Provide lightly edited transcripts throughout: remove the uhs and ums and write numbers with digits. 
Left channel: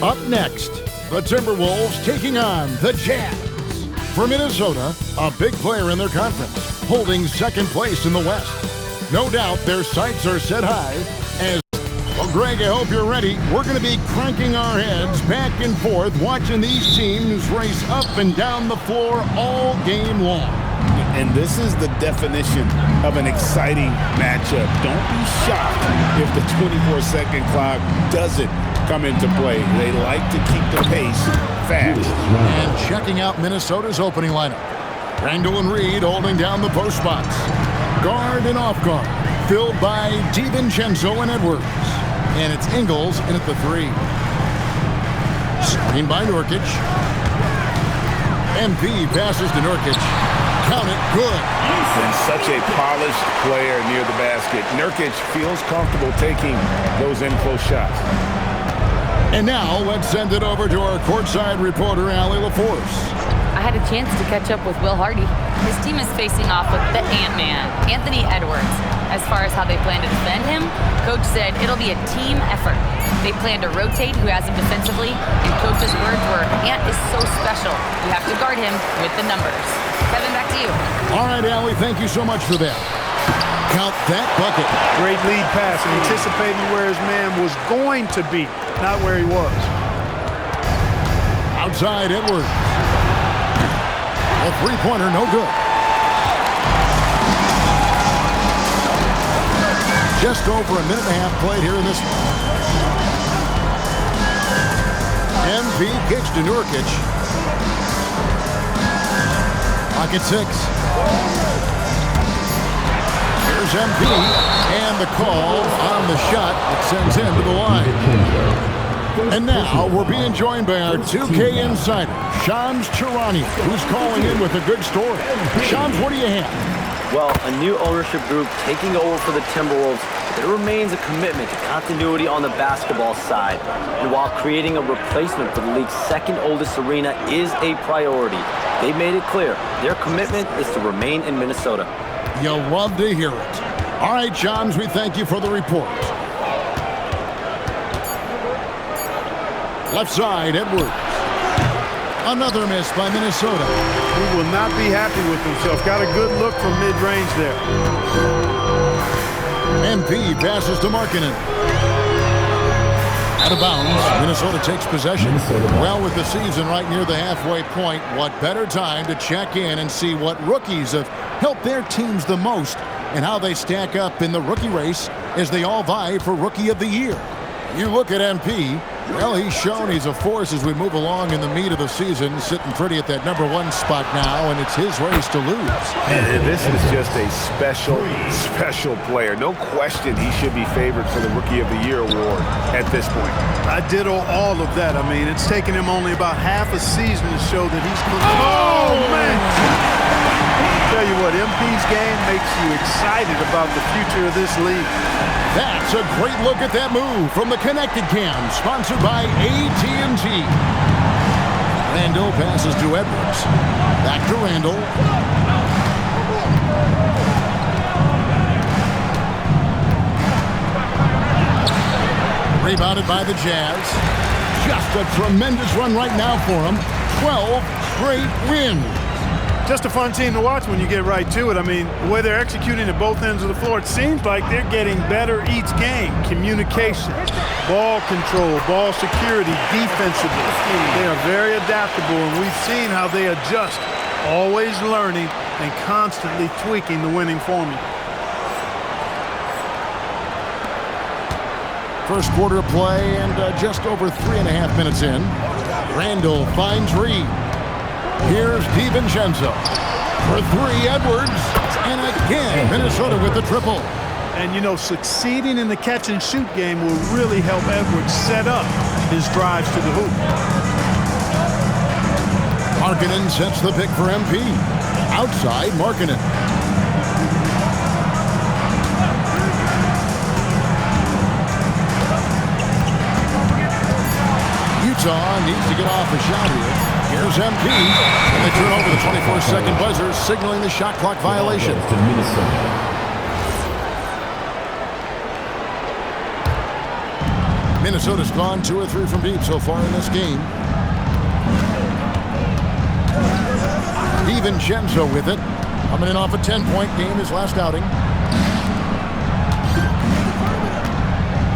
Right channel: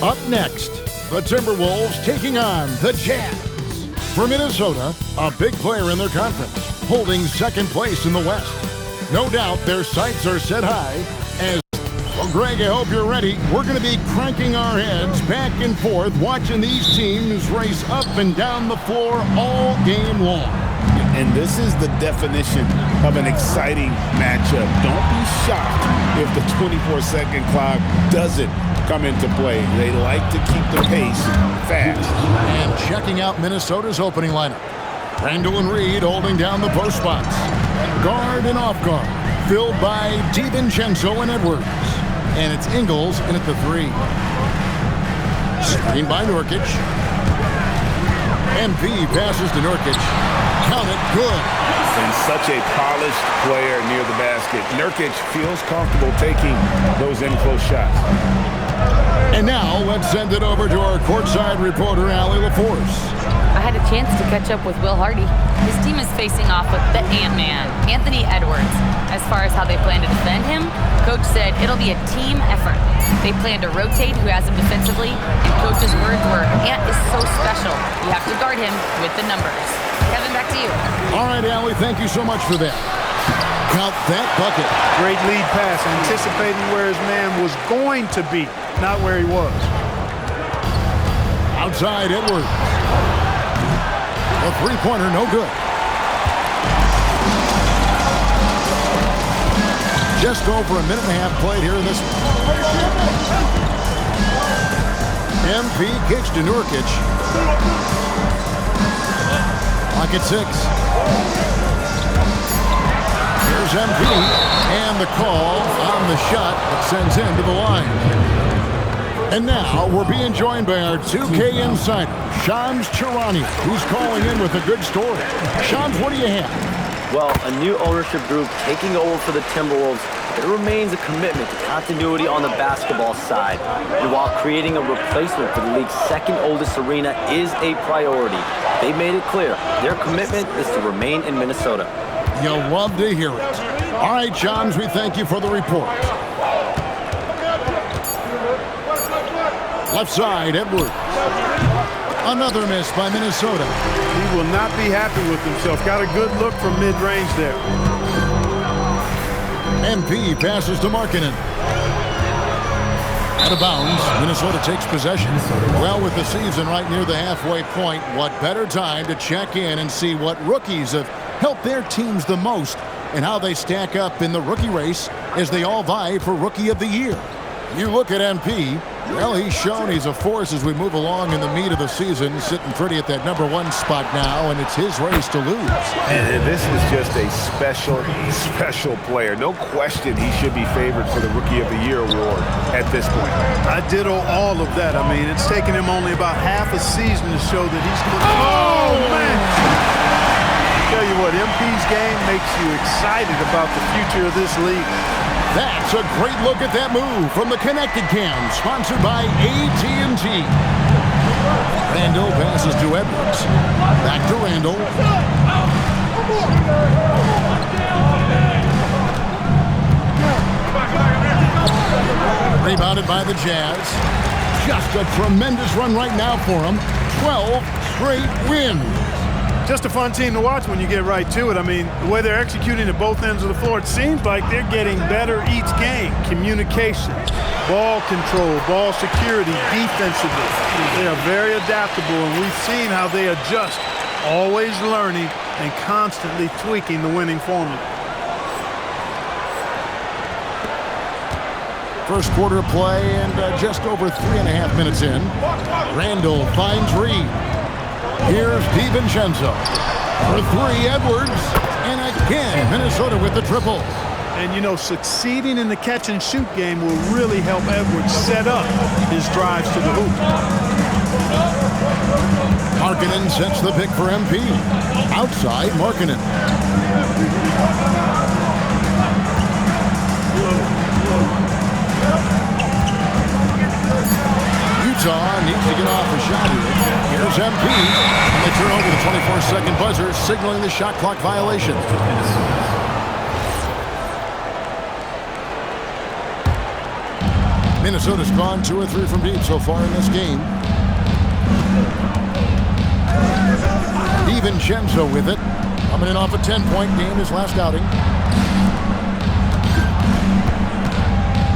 Up next, the Timberwolves taking on the Jazz. For Minnesota, a big player in their conference, holding second place in the West. No doubt their sights are set high as... Well, Greg, I hope you're ready. We're going to be cranking our heads back and forth, watching these teams race up and down the floor all game long. And this is the definition of an exciting matchup. Don't be shocked if the 24-second clock doesn't come into play. They like to keep the pace fast. And checking out Minnesota's opening lineup. Randall and Reed holding down the post spots. Guard and off guard, filled by DiVincenzo and Edwards. And it's Ingles in at the 3. Screen by Nurkic. MP passes to Nurkic. Count it, good. And such a polished player near the basket. Nurkic feels comfortable taking those in-close shots. And now let's send it over to our courtside reporter, Allie LaForce. I had a chance to catch up with Will Hardy. His team is facing off with the Ant-Man, Anthony Edwards. As far as how they plan to defend him, Coach said it'll be a team effort. They plan to rotate who has him defensively, and Coach's words were, Ant is so special. You have to guard him with the numbers. Kevin, back to you. All right, Allie, thank you so much for that. Count that bucket. Great lead pass, anticipating where his man was going to be, not where he was. Outside Edwards. A three-pointer, no good. Just over a minute and a half played here in this one. MP kicks to Nurkic. Clock at 6. Here's MP, and the call on the shot that sends him to the line. And now we're being joined by our 2K insider, Shams Charania, who's calling in with a good story. Shams, what do you have? Well, a new ownership group taking over for the Timberwolves, but there remains a commitment to continuity on the basketball side. And while creating a replacement for the league's second oldest arena is a priority, they made it clear their commitment is to remain in Minnesota. You'll love to hear it. All right, Shams, we thank you for the report. Left side, Edwards. Another miss by Minnesota. He will not be happy with himself. Got a good look from mid-range there. MP passes to Markkanen. Out of bounds, Minnesota takes possession. Well, with the season right near the halfway point, what better time to check in and see what rookies have helped their teams the most and how they stack up in the rookie race as they all vie for Rookie of the Year. You look at MP, well, he's shown he's a force as we move along in the meat of the season, sitting pretty at that #1 spot now, and it's his race to lose. And this is just a special player. No question he should be favored for the Rookie of the Year award at this point. I ditto all of that. I mean, it's taken him only about half a season to show that he's... Oh, man! Tell you what, MP's game makes you excited about the future of this league. That's a great look at that move from the Connected Cam, sponsored by AT&T. Randall passes to Edwards. Back to Randall. Rebounded by the Jazz. Just a tremendous run right now for them. 12 straight wins. Just a fun team to watch when you get right to it. I mean, the way they're executing at both ends of the floor, it seems like they're getting better each game. Communication, ball control, ball security, defensively. They are very adaptable, and we've seen how they adjust, always learning and constantly tweaking the winning formula. First quarter play and just over 3.5 minutes in. Randall finds Reed. Here's DiVincenzo. For 3, Edwards. And again, Minnesota with the triple. And, you know, succeeding in the catch-and-shoot game will really help Edwards set up his drives to the hoop. Markkanen sets the pick for MP. Outside, Markkanen. Utah needs to get off a shot here. Here's MP, and they turn over the 24-second buzzer, signaling the shot clock violation. Minnesota's gone 2 or 3 from deep so far in this game. DiVincenzo with it. Coming in off a 10-point game his last outing.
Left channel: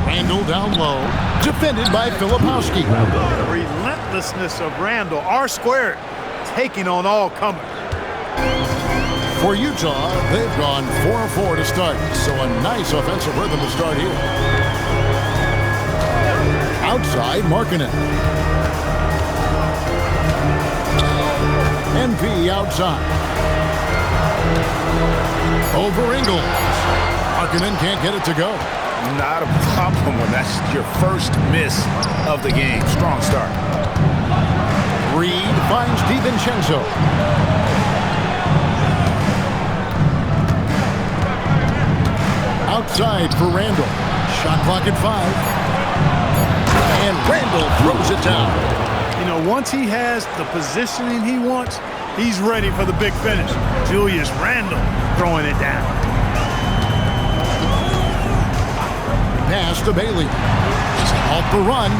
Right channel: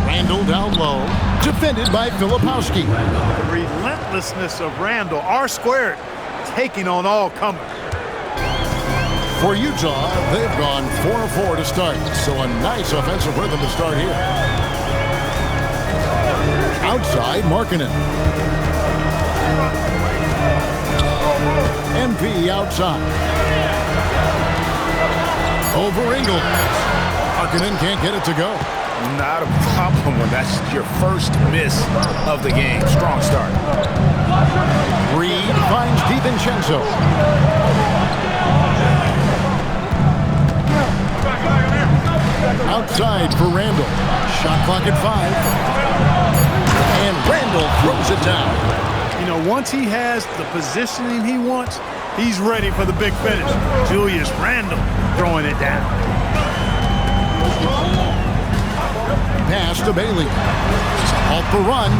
Randall down low. Defended by Filipowski. The relentlessness of Randall. R-squared taking on all comers. For Utah, they've gone 4-4 to start. So a nice offensive rhythm to start here. Outside, Markkanen. MP outside. Over Ingles. Markkanen can't get it to go. Not a problem when that's your first miss of the game. Strong start. Reed finds DiVincenzo. Outside for Randall. Shot clock at 5. And Randall throws it down. You know, once he has the positioning he wants, he's ready for the big finish. Julius Randall throwing it down. Pass to Bailey. To halt the run.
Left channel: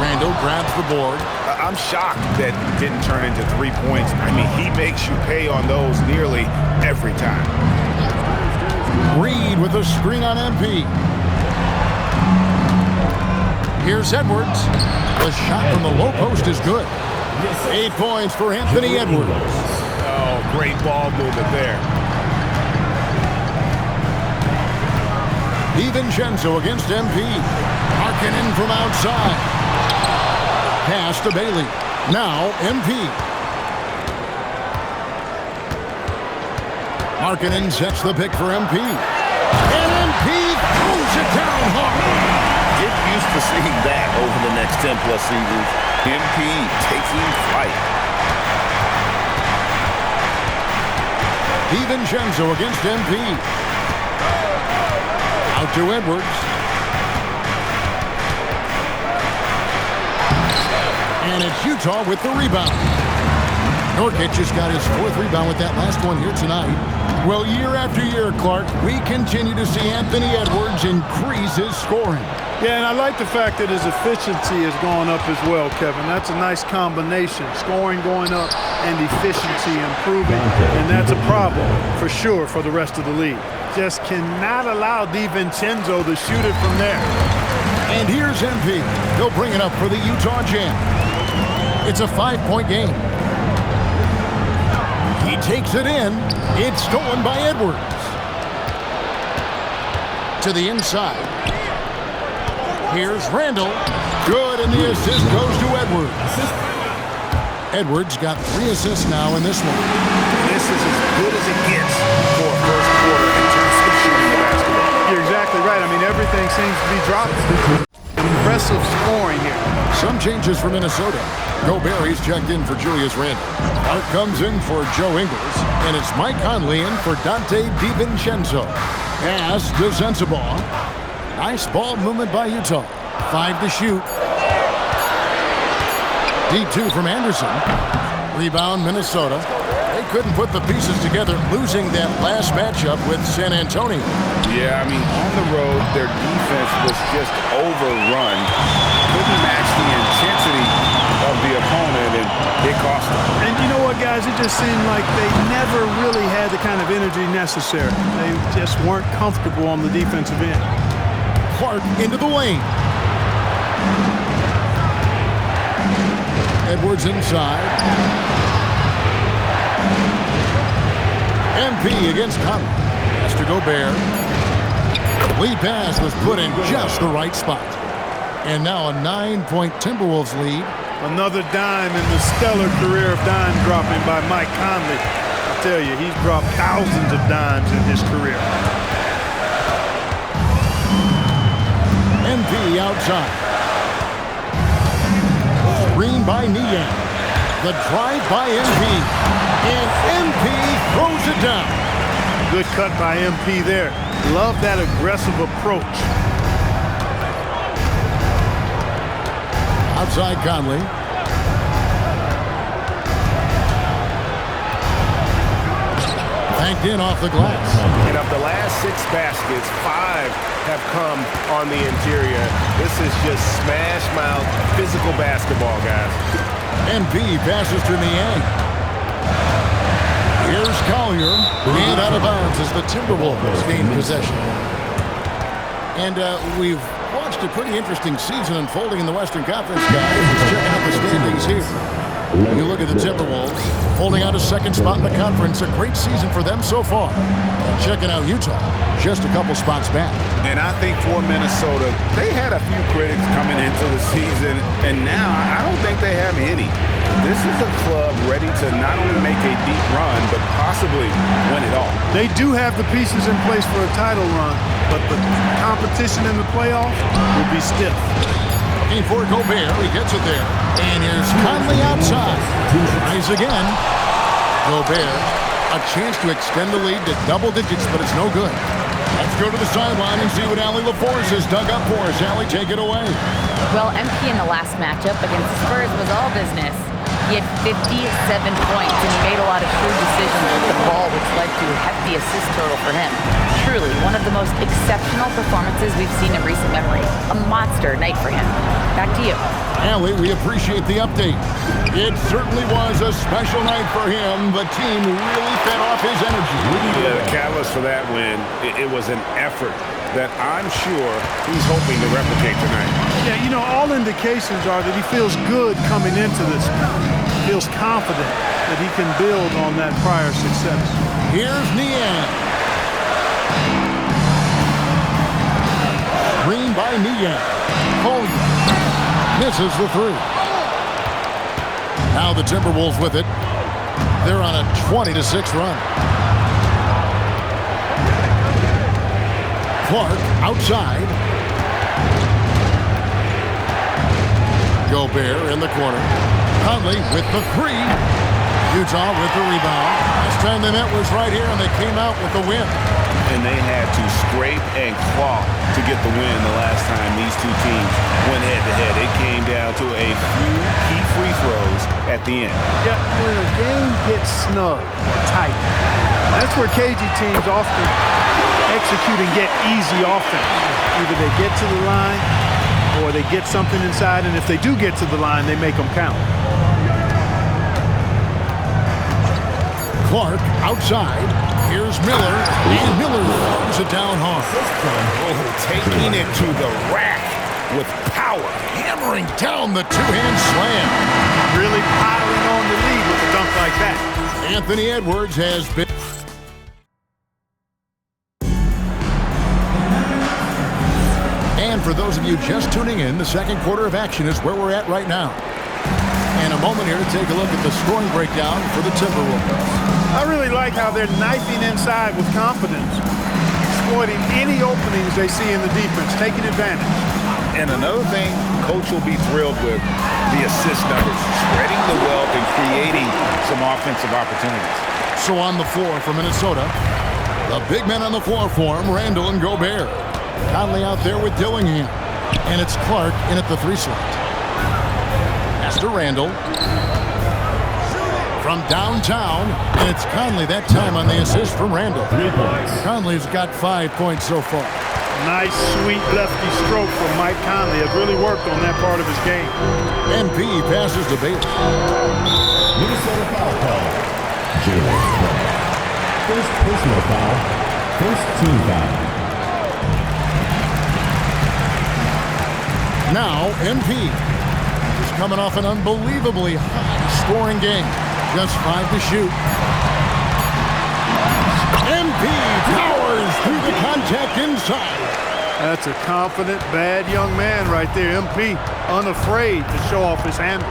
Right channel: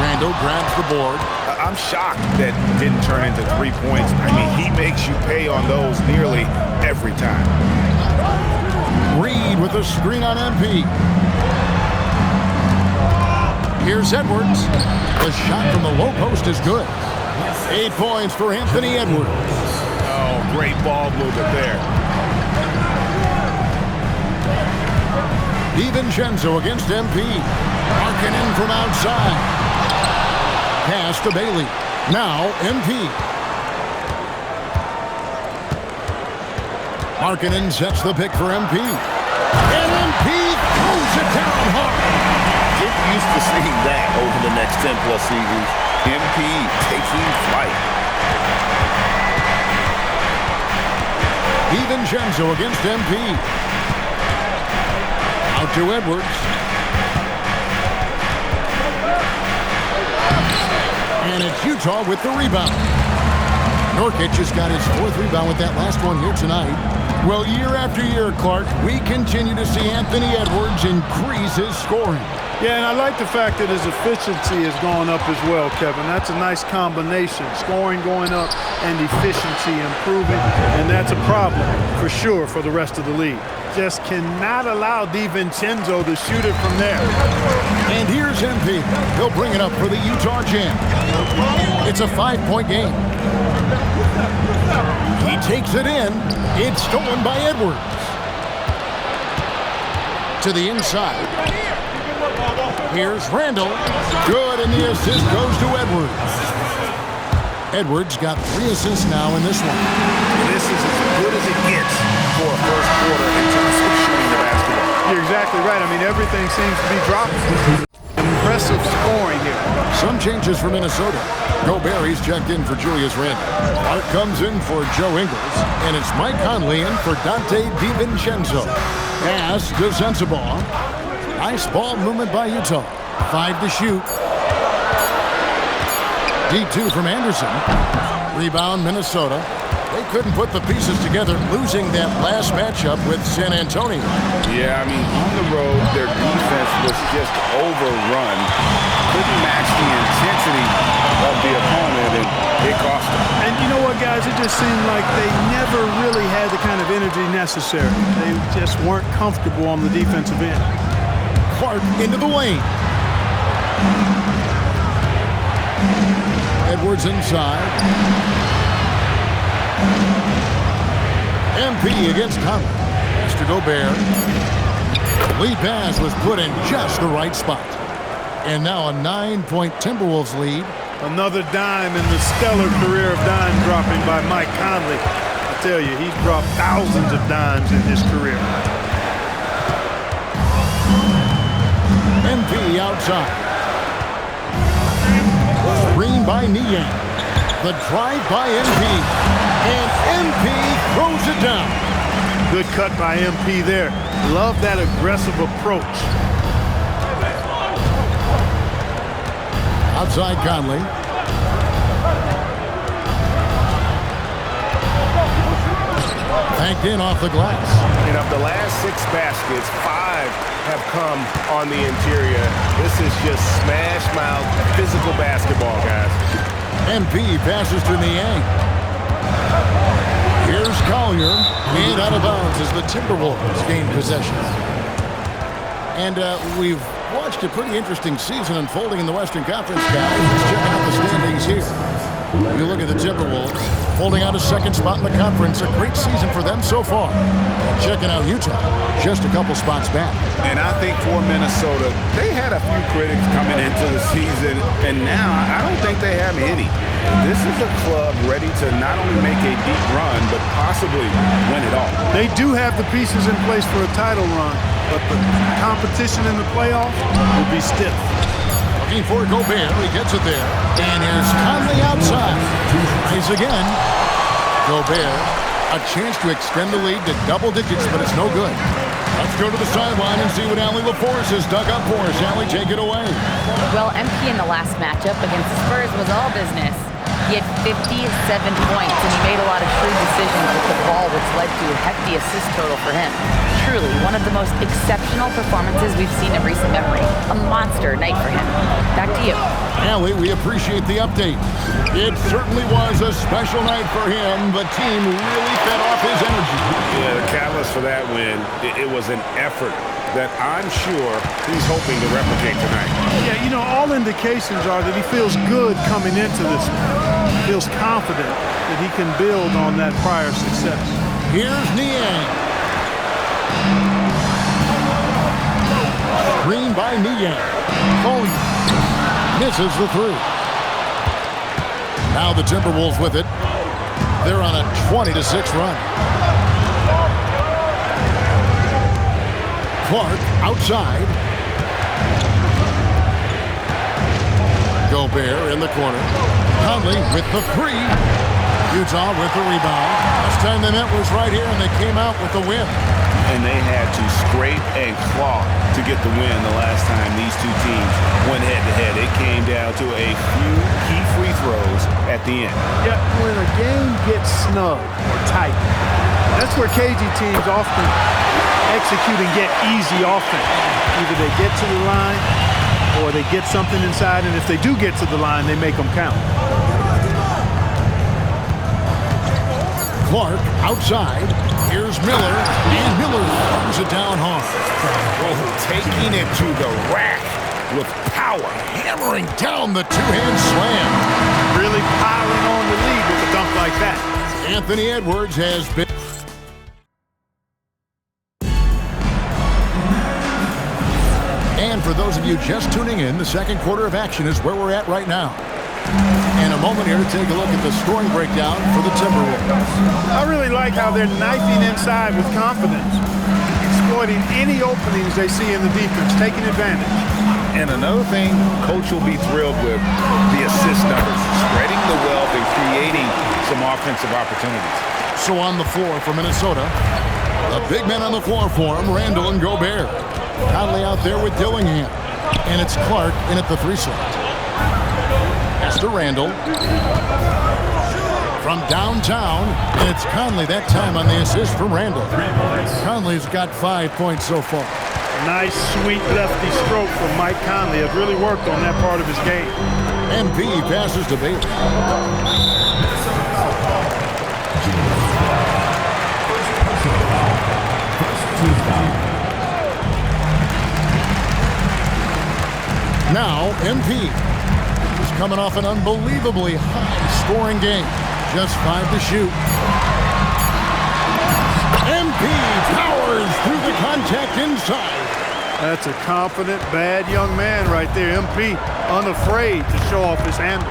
Randall grabs the board. I'm shocked that didn't turn into 3 points. I mean, he makes you pay on those nearly every time. Reed with a screen on MP. Here's Edwards. The shot from the low post is good. 8 points for Anthony Edwards. Oh, great ball movement there. DiVincenzo against MP. Markkanen from outside. Pass to Bailey. Now MP. Markkanen sets the pick for MP. And MP throws it down hard. Get used to seeing that over the next 10-plus seasons. MP taking flight. DiVincenzo against MP. Out to Edwards. And it's Utah with the rebound. Nurkic has got his 4th rebound with that last one here tonight. Well, year after year, Clark, we continue to see Anthony Edwards increase his scoring. Yeah, and I like the fact that his efficiency has gone up as well, Kevin. That's a nice combination. Scoring going up and efficiency improving, and that's a problem for sure for the rest of the league. Just cannot allow DiVincenzo to shoot it from there. And here's MP. He'll bring it up for the Utah Jam. It's a 5-point game. He takes it in. It's stolen by Edwards. To the inside. Here's Randall. Good, and the assist goes to Edwards. Edwards got 3 assists now in this one. This is as good as it gets for a first quarter in terms of shooting the basketball. You're exactly right. I mean, everything seems to be dropping. Impressive scoring here. Some changes for Minnesota. Gobert, he's checked in for Julius Randle. Clark comes in for Joe Ingles, and it's Mike Conley in for Dante DiVincenzo. Pass to Sensabaugh. Nice ball movement by Utah. 5 to shoot. D2 from Anderson. Rebound, Minnesota. They couldn't put the pieces together, losing that last matchup with San Antonio. Yeah, I mean, on the road, their defense was just overrun. Couldn't match the intensity of the opponent, and it cost them. And you know what, guys? It just seemed like they never really had the kind of energy necessary. They just weren't comfortable on the defensive end. Clark into the lane. Edwards inside. MP against Conley. Pass to Gobert. Lead pass was put in just the right spot. And now a 9-point Timberwolves lead. Another dime in the stellar career of dime dropping by Mike Conley. I tell you, he's dropped thousands of dimes in his career. MP outside. Screen by Niang. The drive by MP. And MP throws it down. Good cut by MP there. Love that aggressive approach. Outside Conley. Banked in off the glass. And of the last 6 baskets, 5 have come on the interior. This is just smash mouth physical basketball, guys. MP passes to Niang. Here's Collier, and out of bounds as the Timberwolves gain possession. And we've watched a pretty interesting season unfolding in the Western Conference, guys. Let's check out the standings here. You look at the Timberwolves, holding out a second spot in the conference. A great season for them so far. And checking out Utah, just a couple spots back. And I think for Minnesota, they had a few critics coming into the season, and now I don't think they have any. This is a club ready to not only make a deep run, but possibly win it all. They do have the pieces in place for a title run, but the competition in the playoffs will be stiff. Looking for Gobert, he gets it there. And here's Conley outside. Tries again. Gobert, a chance to extend the lead to double digits, but it's no good. Let's go to the sideline and see what Allie LaForce has dug up for us. Allie, take it away. Well, MP in the last matchup against the Spurs was all business. He had 57 points, and he made a lot of shrewd decisions with the ball, which led to a hefty assist total for him. Truly, one of the most exceptional performances we've seen in recent memory. A monster night for him. Back to you. Allie, we appreciate the update. It certainly was a special night for him. The team really fed off his energy. Yeah, the catalyst for that win, it was an effort that I'm sure he's hoping to replicate tonight. Yeah, you know, all indications are that he feels good coming into this. Feels confident that he can build on that prior success. Here's Niang. Screen by Niang. Collier misses the 3. Now the Timberwolves with it. They're on a 20-6 run. Clark outside. Gobert in the corner. Conley with the 3. Utah with the rebound. Last time they met was right here, and they came out with the win. And they had to scrape and claw to get the win the last time these two teams went head-to-head. It came down to a few key free throws at the end. Yeah, when a game gets snug or tight, that's where KG teams often execute and get easy offense. Either they get to the line or they get something inside, and if they do get to the line, they make them count. Clark outside. Here's Miller, and Miller throws it down hard. Oh, taking it to the rack with power. Hammering down the two-hand slam. Really piling on the lead with a dunk like that. Anthony Edwards has been... And for those of you just tuning in, the second quarter of action is where we're at right now. And a moment here to take a look at the scoring breakdown for the Timberwolves. I really like how they're knifing inside with confidence, exploiting any openings they see in the defense, taking advantage. And another thing Coach will be thrilled with, the assist numbers, spreading the wealth and creating some offensive opportunities. So on the floor for Minnesota, the big men on the floor for him, Randall and Gobert. Conley out there with Dillingham. And it's Clark in at the 3 slot. Pass to Randall. From downtown, and it's Conley that time on the assist from Randall. 3 points. Conley's got 5 points so far. Nice, sweet lefty stroke from Mike Conley. Has really worked on that part of his game. MP passes to Baylor. Minnesota foul call. James Clark. First personal foul. First team foul. Now, MP is coming off an unbelievably high-scoring game. Just 5 to shoot. MP powers through the contact inside. That's a confident, bad young man right there. MP, unafraid to show off his handle.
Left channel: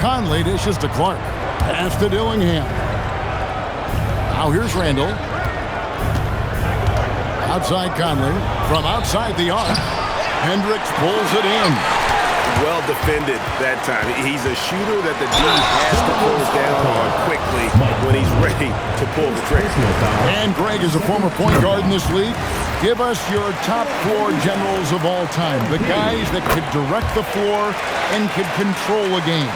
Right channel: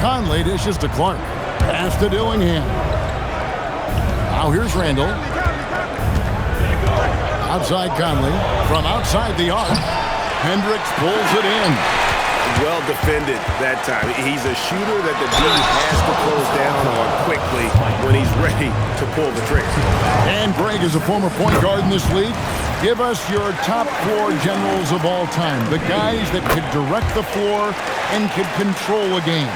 Conley dishes to Clark. Pass to Dillingham. Now here's Randall. Outside Conley. From outside the arc. Hendricks pulls it in. Well defended that time. He's a shooter that the D has to close down on quickly when he's ready to pull the trigger. And Greg is a former point guard in this league. Give us your top 4 generals of all time. The guys that could direct the floor and could control a game.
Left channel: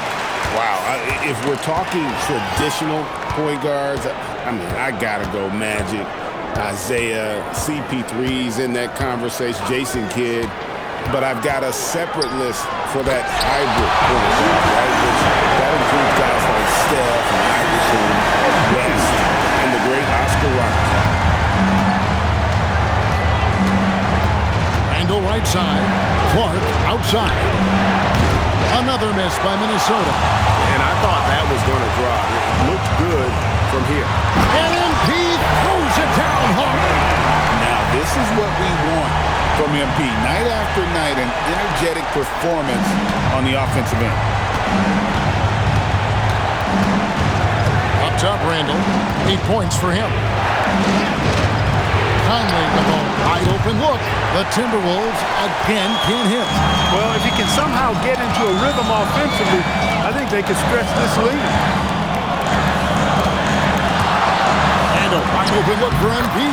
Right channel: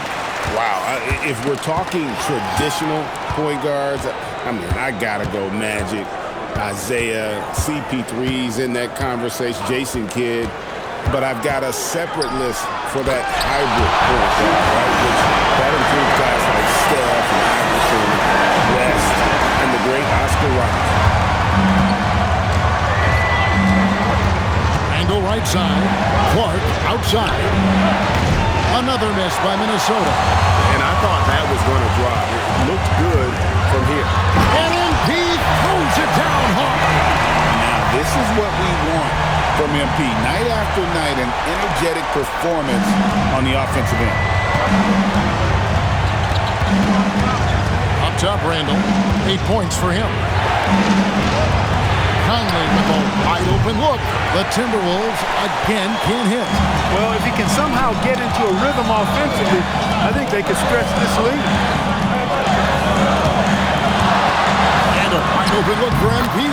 Wow. If we're talking traditional point guards, I mean, I got to go Magic, Isaiah, CP3's in that conversation, Jason Kidd. But I've got a separate list for that hybrid point guard, right? Which that includes guys like Steph and Iverson, West, and the great Oscar Robertson. Randall right side. Clark outside. Another miss by Minnesota. And I thought that was going to drop. It looked good from here. And MP throws it down hard. Now, this is what we want from MP. Night after night, an energetic performance on the offensive end. Up top, Randall. 8 points for him. Conley with a wide open look. The Timberwolves again can't hit. Well, if he can somehow get into a rhythm offensively, I think they could stretch this lead. And a wide open look for MP.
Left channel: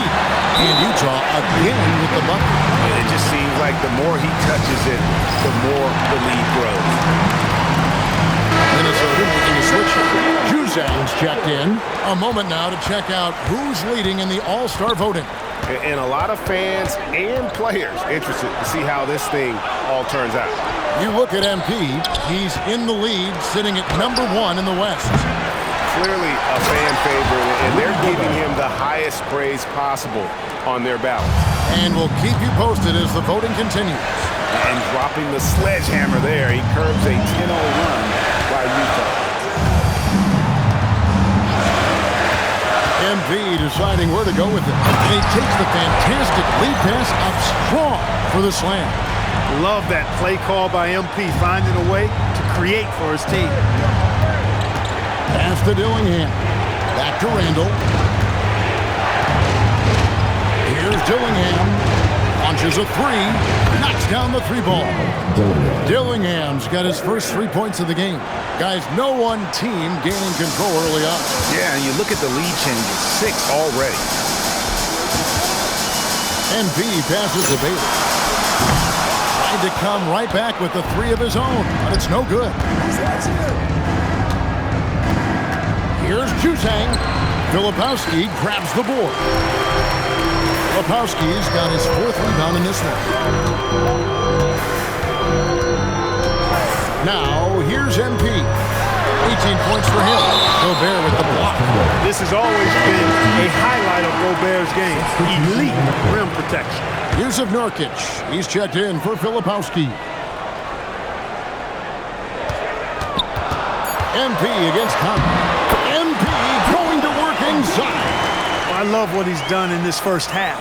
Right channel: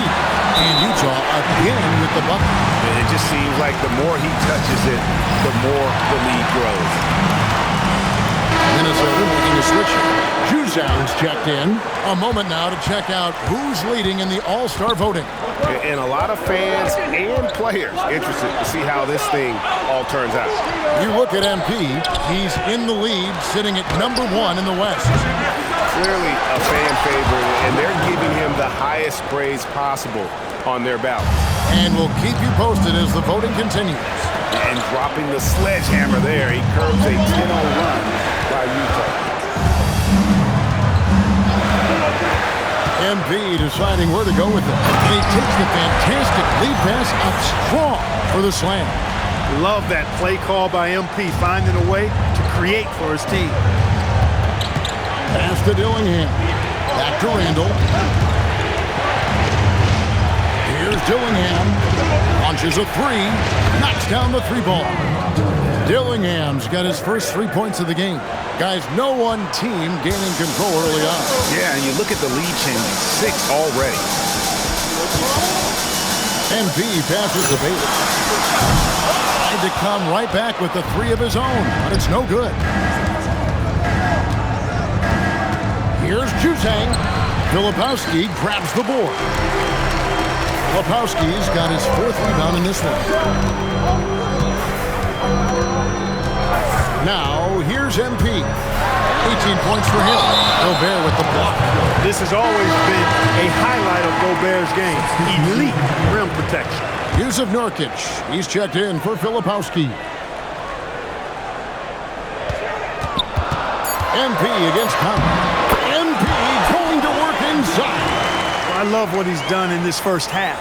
And Utah again with the bucket. It just seems like the more he touches it, the more the lead grows. Minnesota making a switch. Juzang's checked in. A moment now to check out who's leading in the All-Star voting. And a lot of fans and players interested to see how this thing all turns out. You look at MP, he's in the lead, sitting at #1 in the West. Clearly a fan favorite, and they're giving him the highest praise possible on their ballot. And we'll keep you posted as the voting continues. And dropping the sledgehammer there, he curbs a 10-0 run by Utah. MP deciding where to go with it. And he takes the fantastic lead pass up strong for the slam. Love that play call by MP, finding a way to create for his team. Pass to Dillingham. Back to Randall. Here's Dillingham. Launches a three. Knocks down the three ball. Dillingham's got his first 3 points of the game. Guys, no one team gaining control early on. Yeah, and you look at the lead changes. 6 already. MP passes to Bailey. Tried to come right back with the 3 of his own, but it's no good. Here's Juzang. Filipowski grabs the board. Filipowski's got his 4th rebound in this one. Now, here's MP. 18 points for him. Gobert with the block. This has always been a highlight of Gobert's game. Elite rim protection. Yusuf Nurkic. He's checked in for Filipowski. MP against Conley. MP going to work inside. Well, I love what he's done in this first half,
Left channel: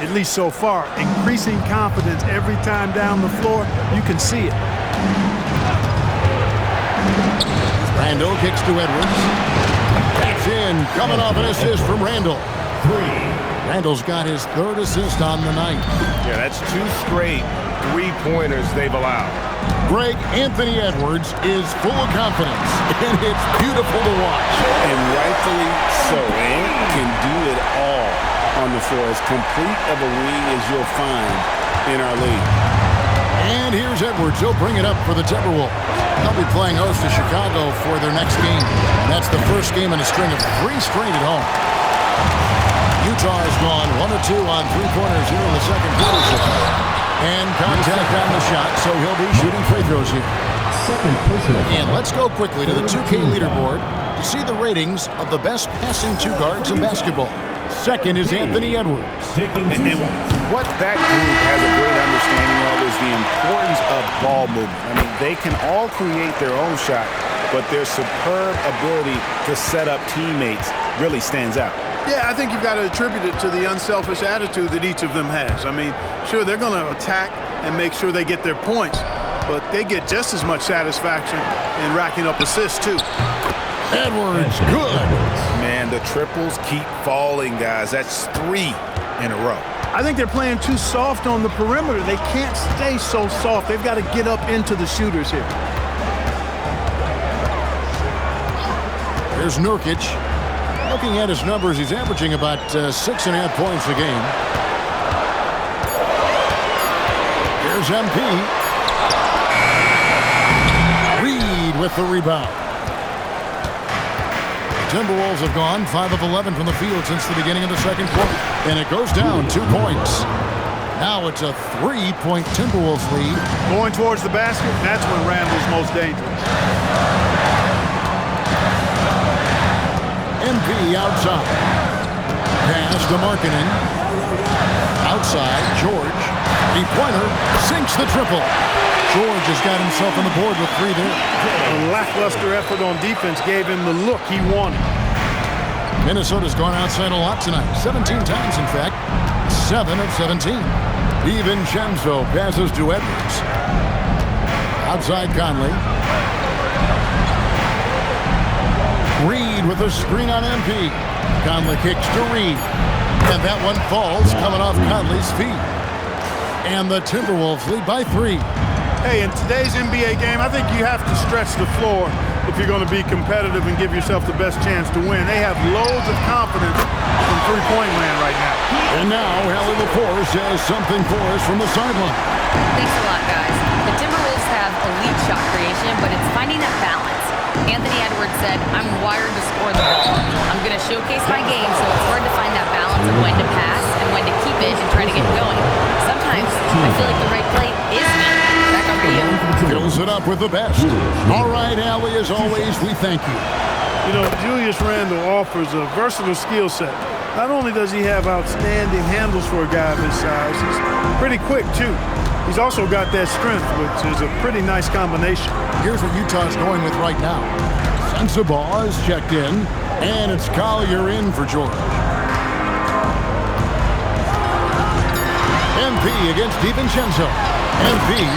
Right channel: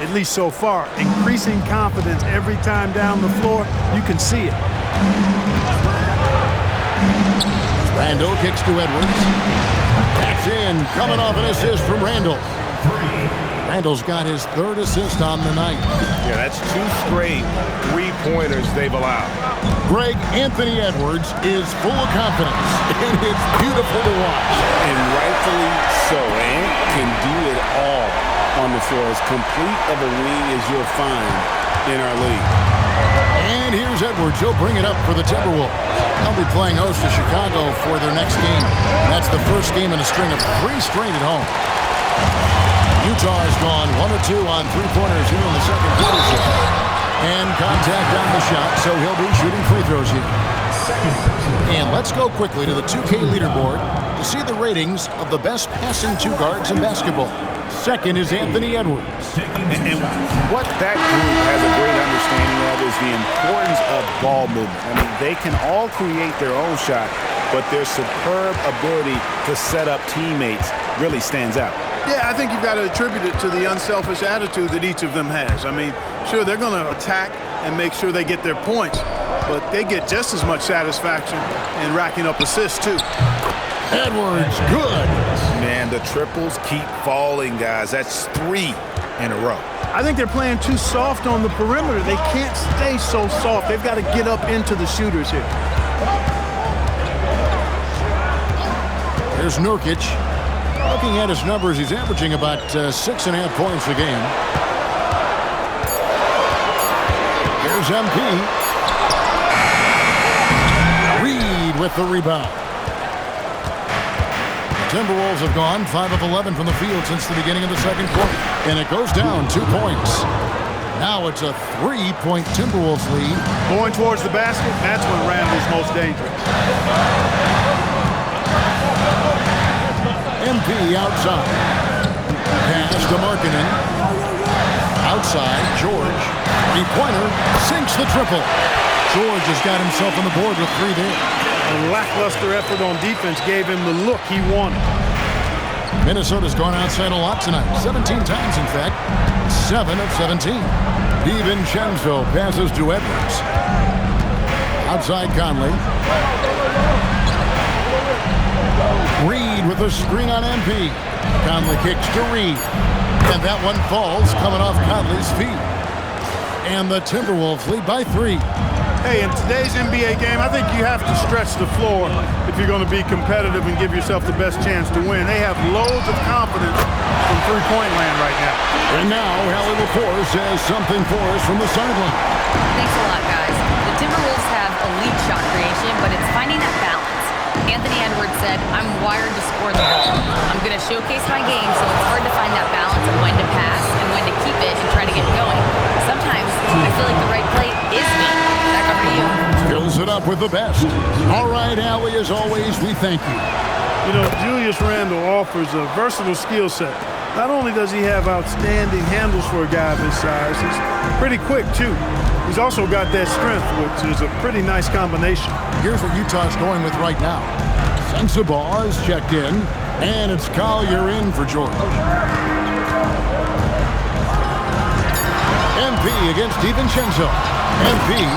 at least so far. Increasing confidence every time down the floor. You can see it. Randall kicks to Edwards. Backs in, coming off an assist from Randall. Randall's got his 3rd assist on the night. Yeah, that's 2 straight 3-pointers they've allowed. Greg Anthony Edwards is full of confidence, and it's beautiful to watch. And rightfully so. Ant can do it all on the floor. As complete of a wing as you'll find in our league. And here's Edwards. He'll bring it up for the Timberwolves. They'll be playing host to Chicago for their next game. And that's the first game in a string of 3 straight at home. Utah has gone 1 of 2 on 3-pointers here in the second quarter. And contact on the shot, so he'll be shooting free throws here. And let's go quickly to the 2K leaderboard to see the ratings of the best passing 2 guards in basketball. Second is Anthony Edwards. And what that group has a great understanding of is the importance of ball movement. I mean, they can all create their own shot, but their superb ability to set up teammates really stands out. Yeah, I think you've got to attribute it to the unselfish attitude that each of them has. I mean, sure, they're going to attack and make sure they get their points, but they get just as much satisfaction in racking up assists, too. Edwards, good. Man, the triples keep falling, guys. That's 3 in a row. I think they're playing too soft on the perimeter. They can't stay so soft. They've got to get up into the shooters here. Here's Nurkic. Looking at his numbers, he's averaging about 6.5 points a game. Here's MP. Reed with the rebound. Timberwolves have gone 5 of 11 from the field since the beginning of the second quarter. And it goes down 2 points. Now it's a 3-point Timberwolves lead. Going towards the basket, that's when Randall's most dangerous. MP outside. Pass to Markkanen. Outside, George. Three-pointer, sinks the triple. George has got himself on the board with 3 there. A lackluster effort on defense gave him the look he wanted. Minnesota's gone outside a lot tonight. 17 times, in fact. 7 of 17. DiVincenzo passes to Edwards. Outside Conley. Reed with a screen on MP. Conley kicks to Reed. And that one falls coming off Conley's feet. And the Timberwolves lead by 3. Hey, in today's NBA game, I think you have to stretch the floor if you're going to be competitive and give yourself the best chance to win. They have loads of confidence from three-point land right now. And now, Hallie LaForce has something for us from the sideline. Thanks a lot, guys. The Timberwolves have elite shot creation, but it's finding that balance. Anthony Edwards said, I'm wired to score the ball. I'm going to showcase my game, so it's hard to find that balance of when to pass and when to keep it and try to get going. Sometimes I feel like the right play is me. Back over to you. Fills it up with the best. All right, Allie, as always, we thank you. You know, Julius Randle offers a versatile skill set. Not only does he have outstanding handles for a guy of his size, he's pretty quick, too. He's also got that strength, which is a pretty nice combination. Here's what Utah's going with right now. Sensabaugh is checked in, and it's Collier in for George. MP against DiVincenzo. MP,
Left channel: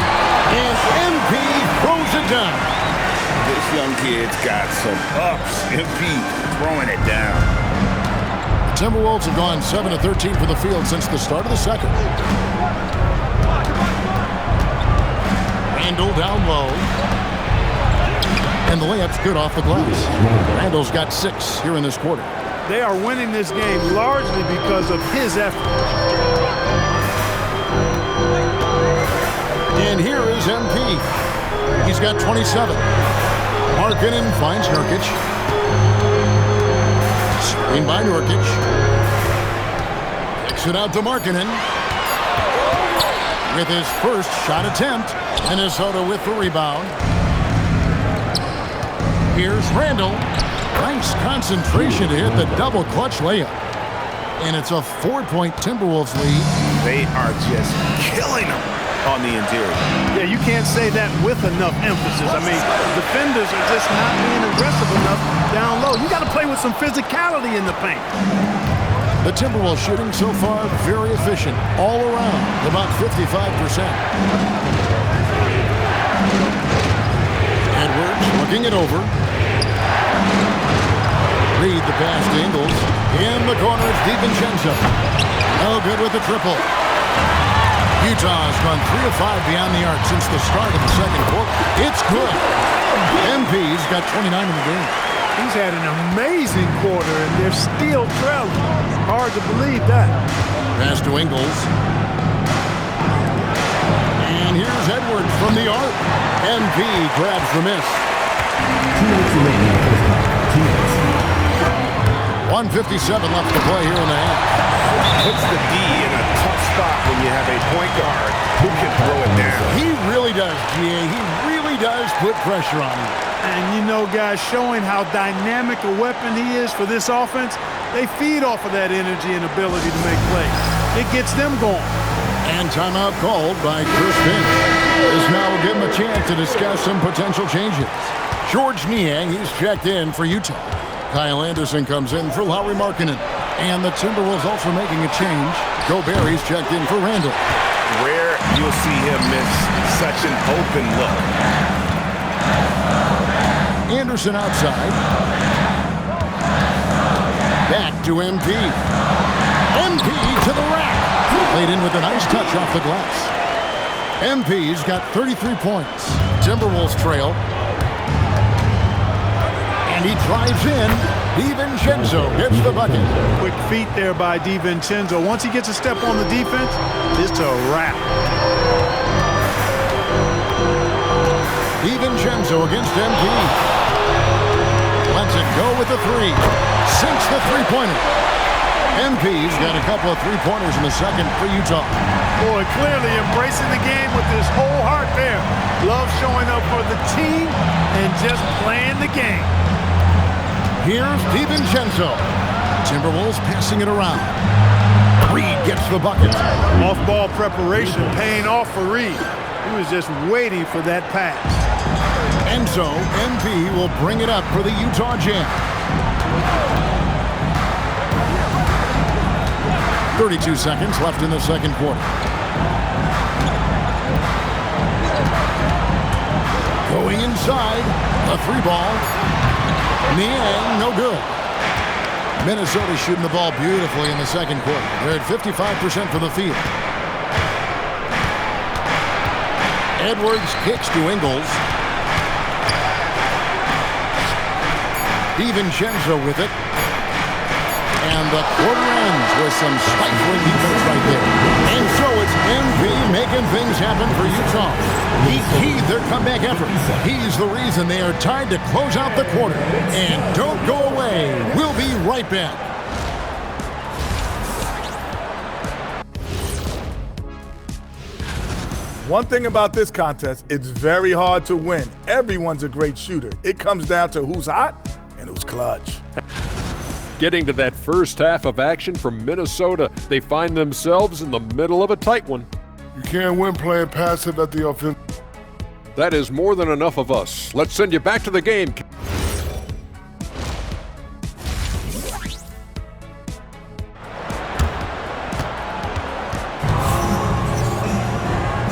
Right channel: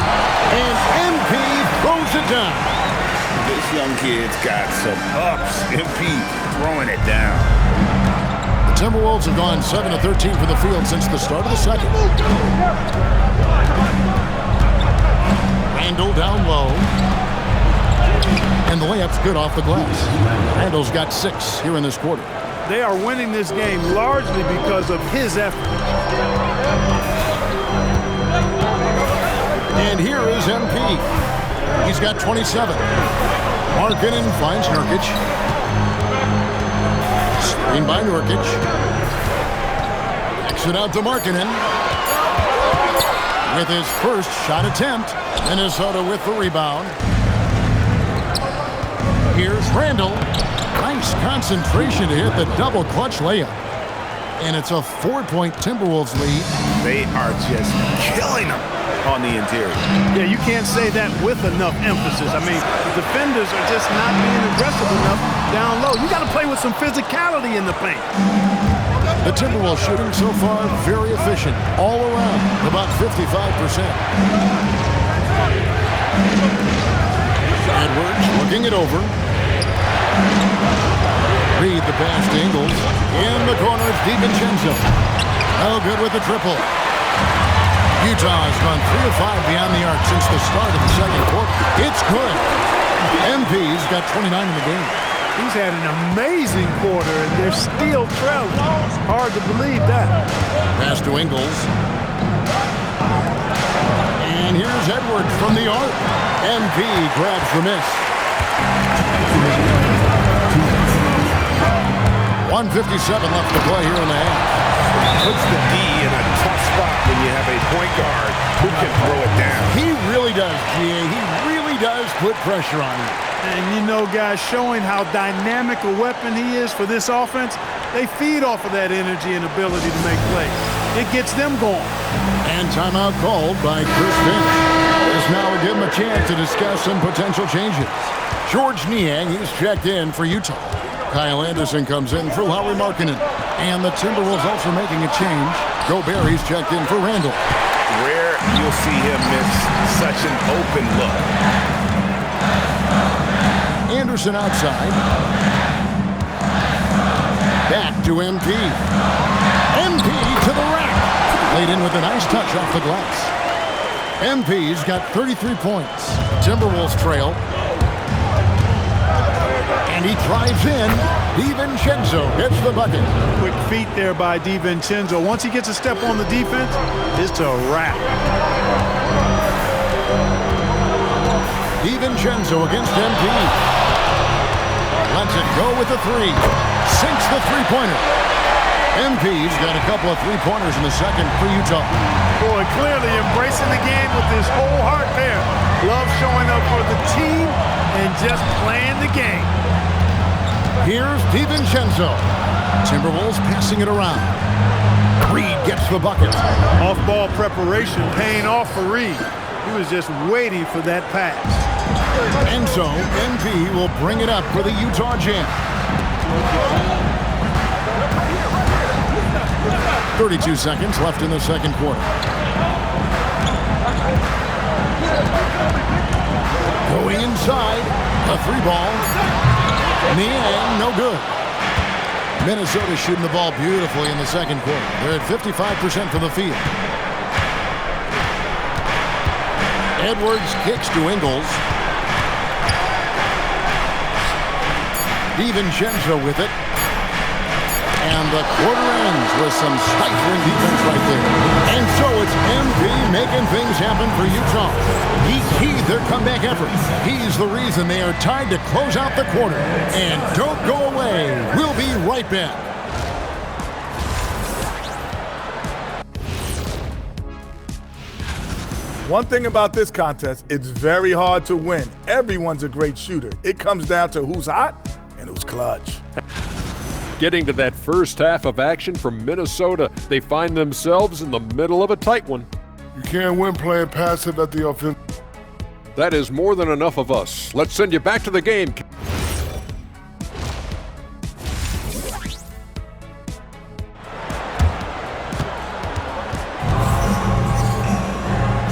and MP throws it down. This young kid's got some ups. MP throwing it down. The Timberwolves have gone 7 of 13 from the field since the start of the second. Randall down low. And the layup's good off the glass. Randall's got 6 here in this quarter. They are winning this game largely because of his effort. And here is MP. He's got 27. Markkanen finds Nurkic. Screen by Nurkic. Kicks it out to Markkanen. With his first shot attempt, Minnesota with the rebound. Here's Randall. Nice concentration to hit the double clutch layup. And it's a 4-point Timberwolves lead. They are just killing them on the interior. Yeah, you can't say that with enough emphasis. I mean, the defenders are just not being aggressive enough down low. You got to play with some physicality in the paint. The Timberwolves shooting so far very efficient all around, about 55%. Edwards looking it over. Reed the pass to Ingles. In the corner, it's DiVincenzo. No good with the triple. Utah has gone 3 of 5 beyond the arc since the start of the second quarter. It's good. MP's got 29 in the game. He's had an amazing quarter, and they're still trailing. Hard to believe that. Pass to Ingles. And here's Edwards from the arc. MP grabs the miss. 1:57 left to play here in the half. Puts the D in a tough spot when you have a point guard who can throw it down. He really does, GA. He really does put pressure on him. And you know, guys, showing how dynamic a weapon he is for this offense, they feed off of that energy and ability to make plays. It gets them going. And timeout called by Chris Finch. This now will give him a chance to discuss some potential changes. George Niang, he's checked in for Utah. Kyle Anderson comes in for Lauri Markkanen. And the Timberwolves also making a change. Gobert, he's checked in for Randall. Rare you'll see him miss such an open look. Anderson outside. Back to MP. MP to the rack. Played in with a nice touch off the glass. MP's got 33 points. Timberwolves trail. And he drives in. DiVincenzo gets the bucket. Quick feet there by DiVincenzo. Once he gets a step on the defense, it's a wrap. DiVincenzo against MP. Lets it go with the three. Sinks the three-pointer. MP's got a couple of three-pointers in the second for Utah. Boy, clearly embracing the game with his whole heart there. Love showing up for the team and just playing the game. Here's DiVincenzo. Timberwolves passing it around. Reed gets the bucket. Off-ball preparation paying off for Reed. He was just waiting for that pass. And so, MP will bring it up for the Utah Jam. 32 seconds left in the second quarter. Going inside, a three ball. Niang, no good. Minnesota shooting the ball beautifully in the second quarter. They're at 55% from the field. Edwards kicks to Ingles. DiVincenzo with it. And the quarter ends with some stifling defense right there. And so it's MP making things happen for Utah. He keyed their comeback effort. He's the reason they are tied to close out the quarter. And don't go away. We'll be right back. One thing about this contest, it's very hard to win. Everyone's a great shooter. It comes down to who's hot and who's clutch. Getting to that first half of action from Minnesota, they find themselves in the middle of a tight one. You can't win playing passive at the offense. That is more than enough of us. Let's send you back to the game.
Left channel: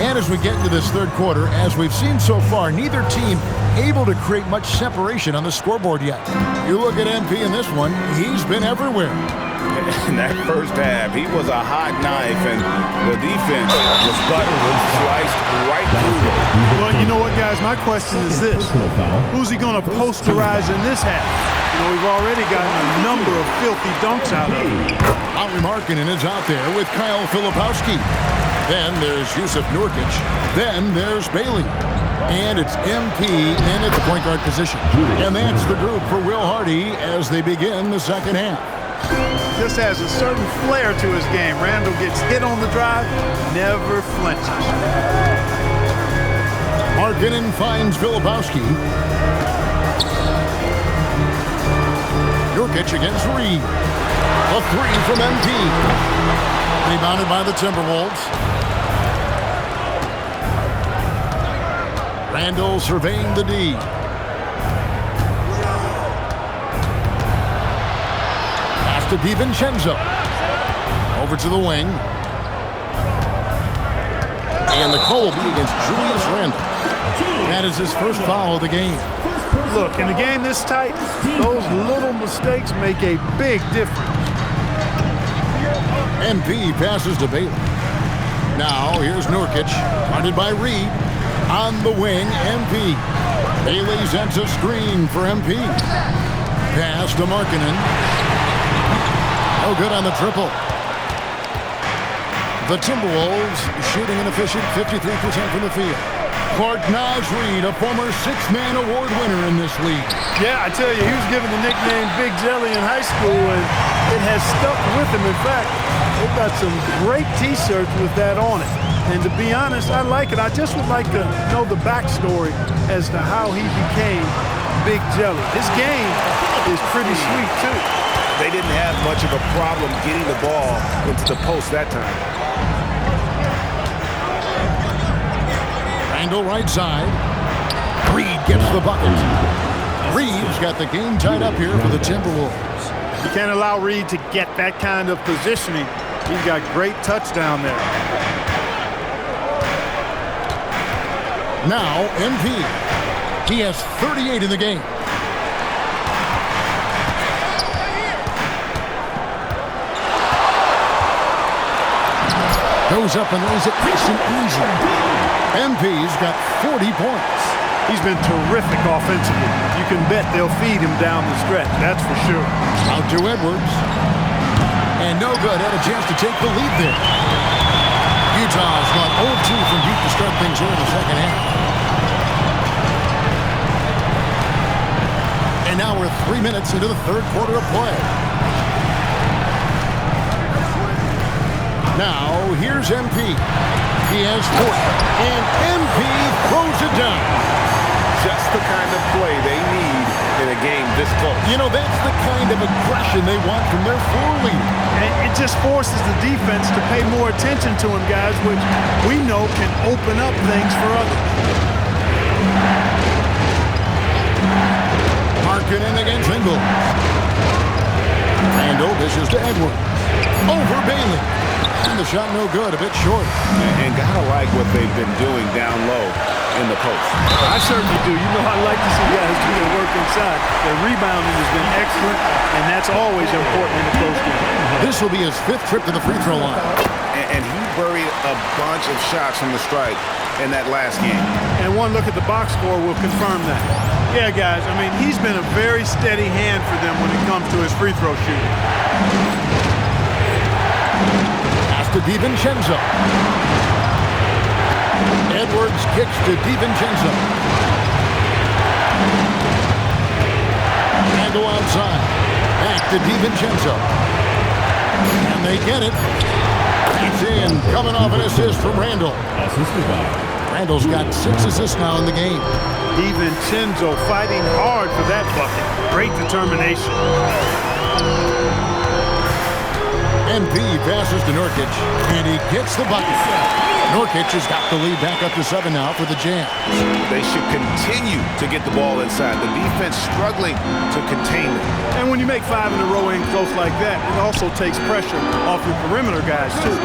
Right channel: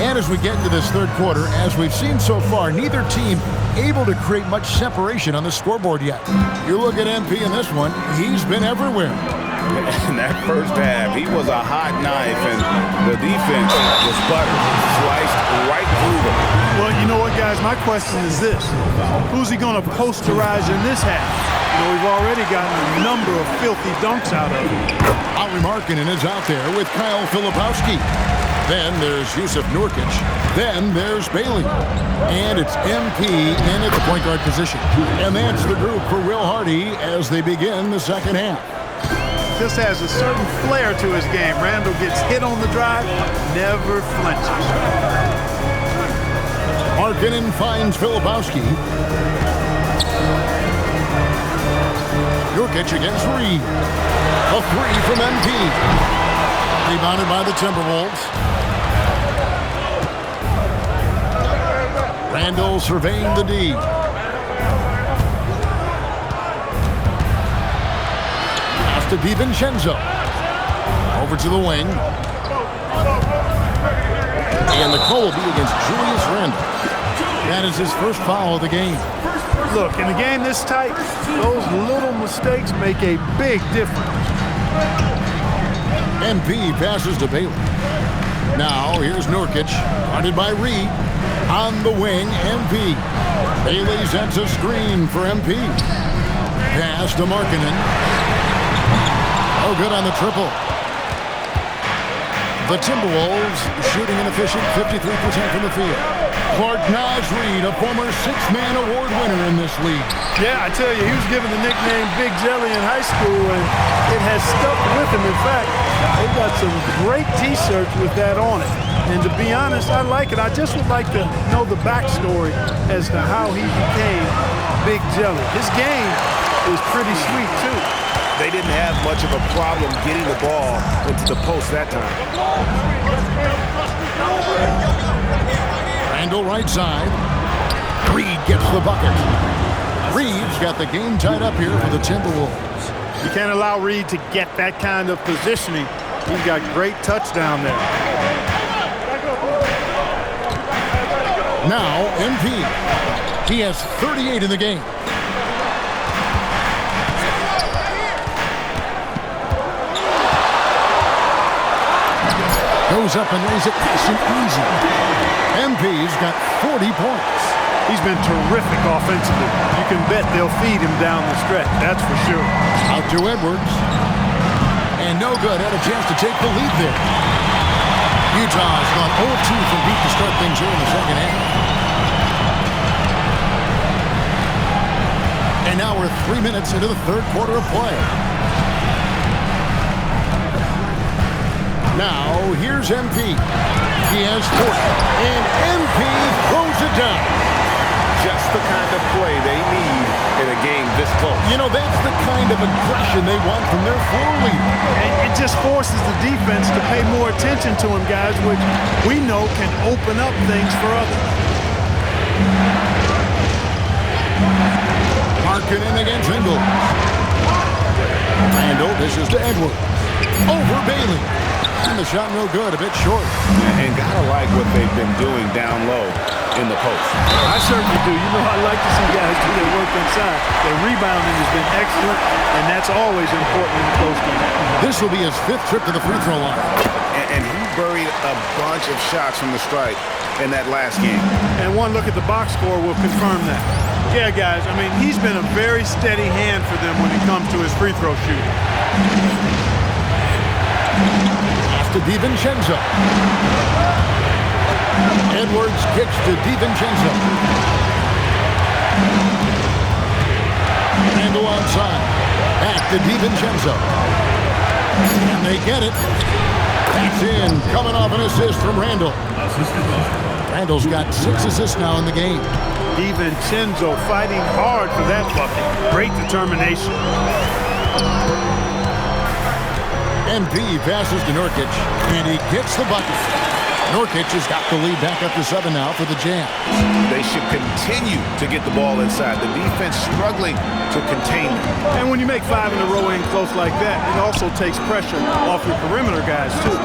And as we get into this third quarter, as we've seen so far, neither team able to create much separation on the scoreboard yet. You look at MP in this one, he's been everywhere. In that first half, he was a hot knife, and the defense was buttered, sliced right through them. Well, you know what, guys? My question is this. Who's he going to posterize in this half? You know, we've already gotten a number of filthy dunks out of him. Lauri Markkanen is out there with Kyle Filipowski. Then there's Yusuf Nurkic. Then there's Bailey. And it's MP in at the point guard position. And that's the group for Will Hardy as they begin the second half. Just has a certain flair to his game. Randall gets hit on the drive, never flinches. Markkanen finds Filipowski. Nurkic against Reed. A three from MP. Rebounded by the Timberwolves. Randall surveying the D. Pass to DiVincenzo. Over to the wing. And the call will be against Julius Randle. That is his first foul of the game. Look, in a game this tight, those little mistakes make a big difference. MP passes to Bailey. Now here's Nurkic, guarded by Reed. On the wing, MP. Bailey sends a screen for MP. Pass to Markkanen. Oh, good on the triple. The Timberwolves shooting an efficient 53% from the field. Clark Naz Reed, a former six-man award winner in this league. Yeah, I tell you, he was given the nickname Big Jelly in high school, and it has stuck with him. In fact, they've got some great T-shirts with that on it. And to be honest, I like it. I just would like to know the backstory as to how he became Big Jelly. His game is pretty sweet, too. They didn't have much of a problem getting the ball into the post that time. Randall right side. Reed gets the bucket. Reed's got the game tied up here for the Timberwolves. You can't allow Reed to get that kind of positioning. He's got great touch down there. Now, MP. He has 38 in the game. Goes up and lays it nice and easy. MP's got 40 points. He's been terrific offensively. You can bet they'll feed him down the stretch, that's for sure. Out to Edwards. And no good. Had a chance to take the lead there. Utah has gone 0-2 from deep to start things here in the second half. And now we're 3 minutes into the third quarter of play. Now, here's MP. He has 40, and MP throws it down. Just the kind of play they need in a game this close. You know, that's the kind of aggression they want from their floor leader. And it just forces the defense to pay more attention to him, guys, which we know can open up things for others. Markkanen against Ingles. Randall dishes to Edwards. Over Bailey. And the shot no good, a bit short. And gotta like what they've been doing down low in the post. I certainly do. You know, I like to see guys do their work inside. Their rebounding has been excellent, and that's always important in the close game. This will be his 5th trip to the free throw line. And he buried a bunch of shots from the stripe in that last game. And one look at the box score will confirm that. Yeah, guys, I mean, he's been a very steady hand for them when it comes to his free throw shooting. Pass to DiVincenzo. Edwards kicks to DiVincenzo. Randall outside. Back to DiVincenzo. And they get it. That's in. Coming off an assist from Randall. Randall's got 6 assists now in the game. DiVincenzo fighting hard for that bucket. Great determination. MP passes to Nurkic, and he gets the bucket. Nurkic has got the lead back up to 7 now for the Jazz. They should continue to get the ball inside. The defense struggling to contain them. And when you make 5 in a row in close like that, it also takes pressure off your perimeter guys, too.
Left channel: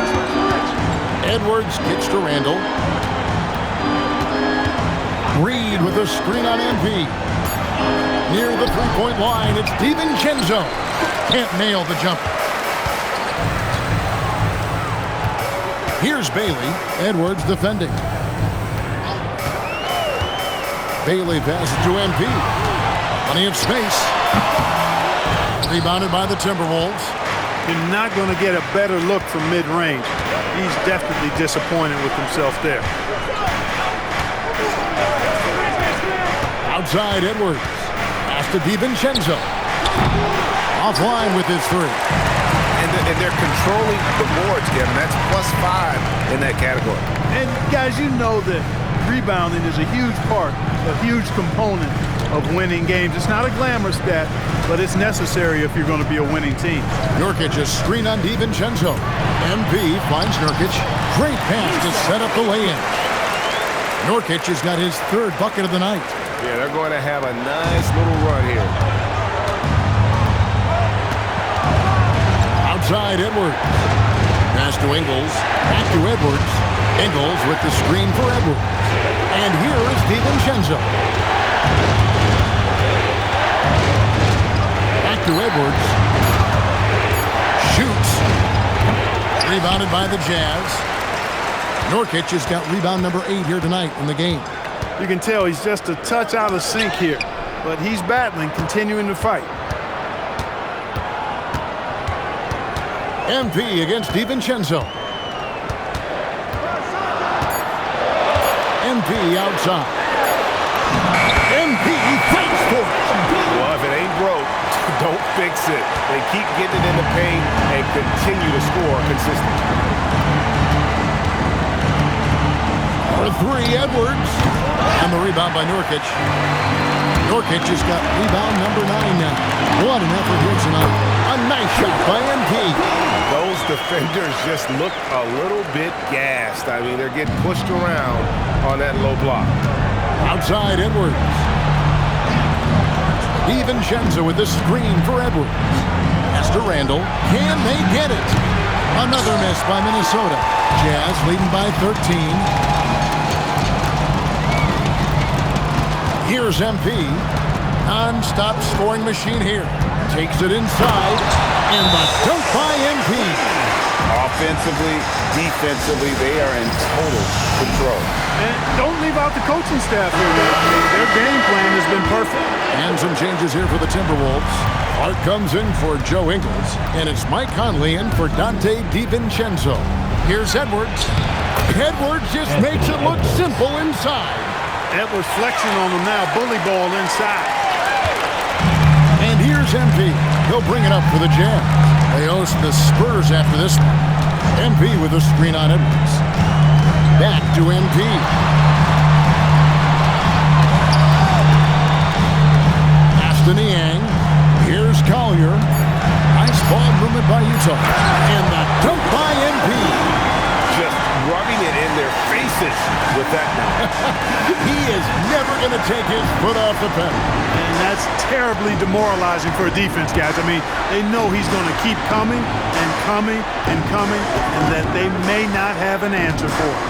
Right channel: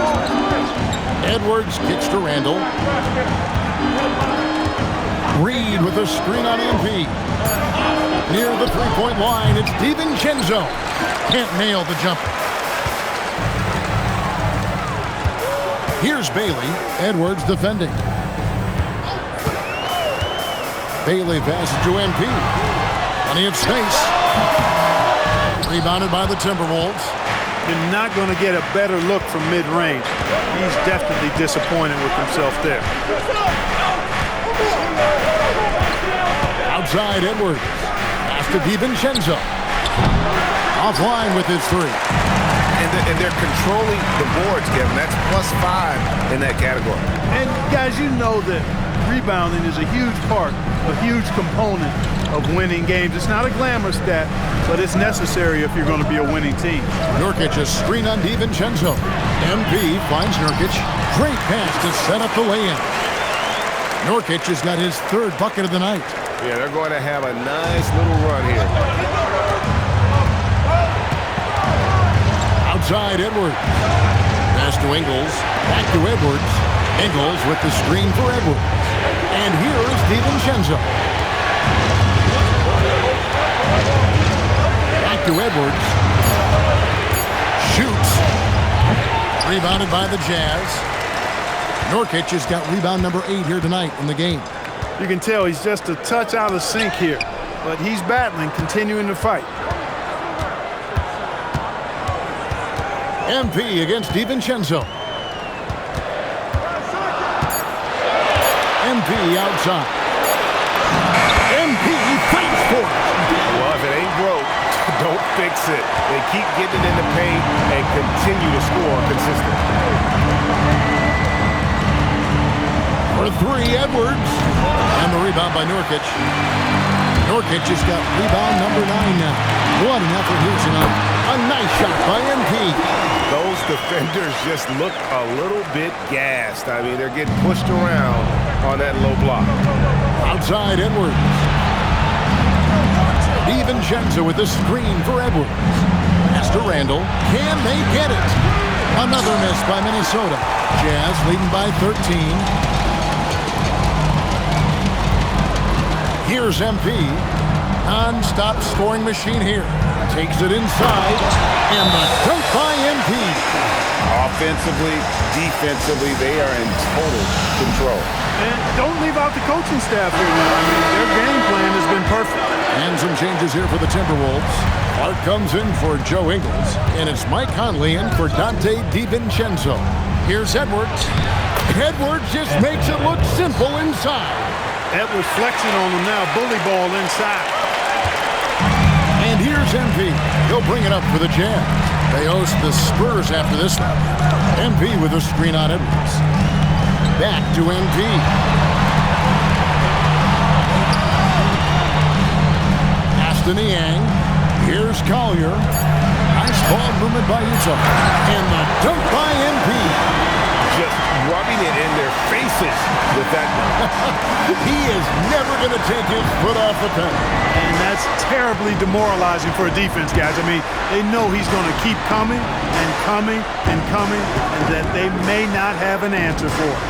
Edwards kicks to Randall. Reed with a screen on MP. Near the three-point line, it's DiVincenzo. Can't nail the jumper. Here's Bailey. Edwards defending. Bailey passes to MP. Plenty of space. Rebounded by the Timberwolves. You're not going to get a better look from mid-range. He's definitely disappointed with himself there. Outside Edwards. Pass to DiVincenzo. Offline with his 3. And they're controlling the boards, Kevin. That's +5 in that category. And, guys, you know that rebounding is a huge part, a huge component of winning games. It's not a glamour stat, but it's necessary if you're going to be a winning team. Nurkic a screen on DiVincenzo. MP finds Nurkic. Great pass to set up the lay-in. Nurkic has got his 3rd bucket of the night. Yeah, they're going to have a nice little run here. Outside Edwards. Pass to Ingles. Back to Edwards. Ingles with the screen for Edwards. And here is DiVincenzo. Back to Edwards. Shoots. Rebounded by the Jazz. Nurkic has got rebound number 8 here tonight in the game. You can tell he's just a touch out of sync here, but he's battling, continuing to fight. MP against DiVincenzo. MP outside. MP fights for it. Well, if it ain't broke, don't fix it. They keep getting it in the paint and continue to score consistently. For 3, Edwards. And the rebound by Nurkic. Nurkic has got rebound number 9 now. What an effort here tonight. A nice shot by MP. Those defenders just look a little bit gassed. I mean, they're getting pushed around on that low block. Outside Edwards. DiVincenzo with the screen for Edwards. Pass to Randall. Can they get it? Another miss by Minnesota. Jazz leading by 13. Here's MP. Non-stop scoring machine here. Takes it inside. And the dunk by MP. Offensively, defensively, they are in total control. And don't leave out the coaching staff here now. I mean, their game plan has been perfect. And some changes here for the Timberwolves. Clark comes in for Joe Ingles. And it's Mike Conley in for Dante DiVincenzo. Here's Edwards. Edwards just makes it look simple inside. Edwards flexing on them now. Bully ball inside. And here's MP. He'll bring it up for the Jazz. They host the Spurs after this one. MP with a screen on Edwards. Back to MP. Pass to Niang. Here's Collier. Nice ball movement by Utah. And the dunk by MP. Just rubbing it in their faces with that dunk. He is never going to take his foot off the pedal. And that's terribly demoralizing for a defense, guys. I mean, they know he's going to keep coming and coming and coming, and that they may not have an answer for it.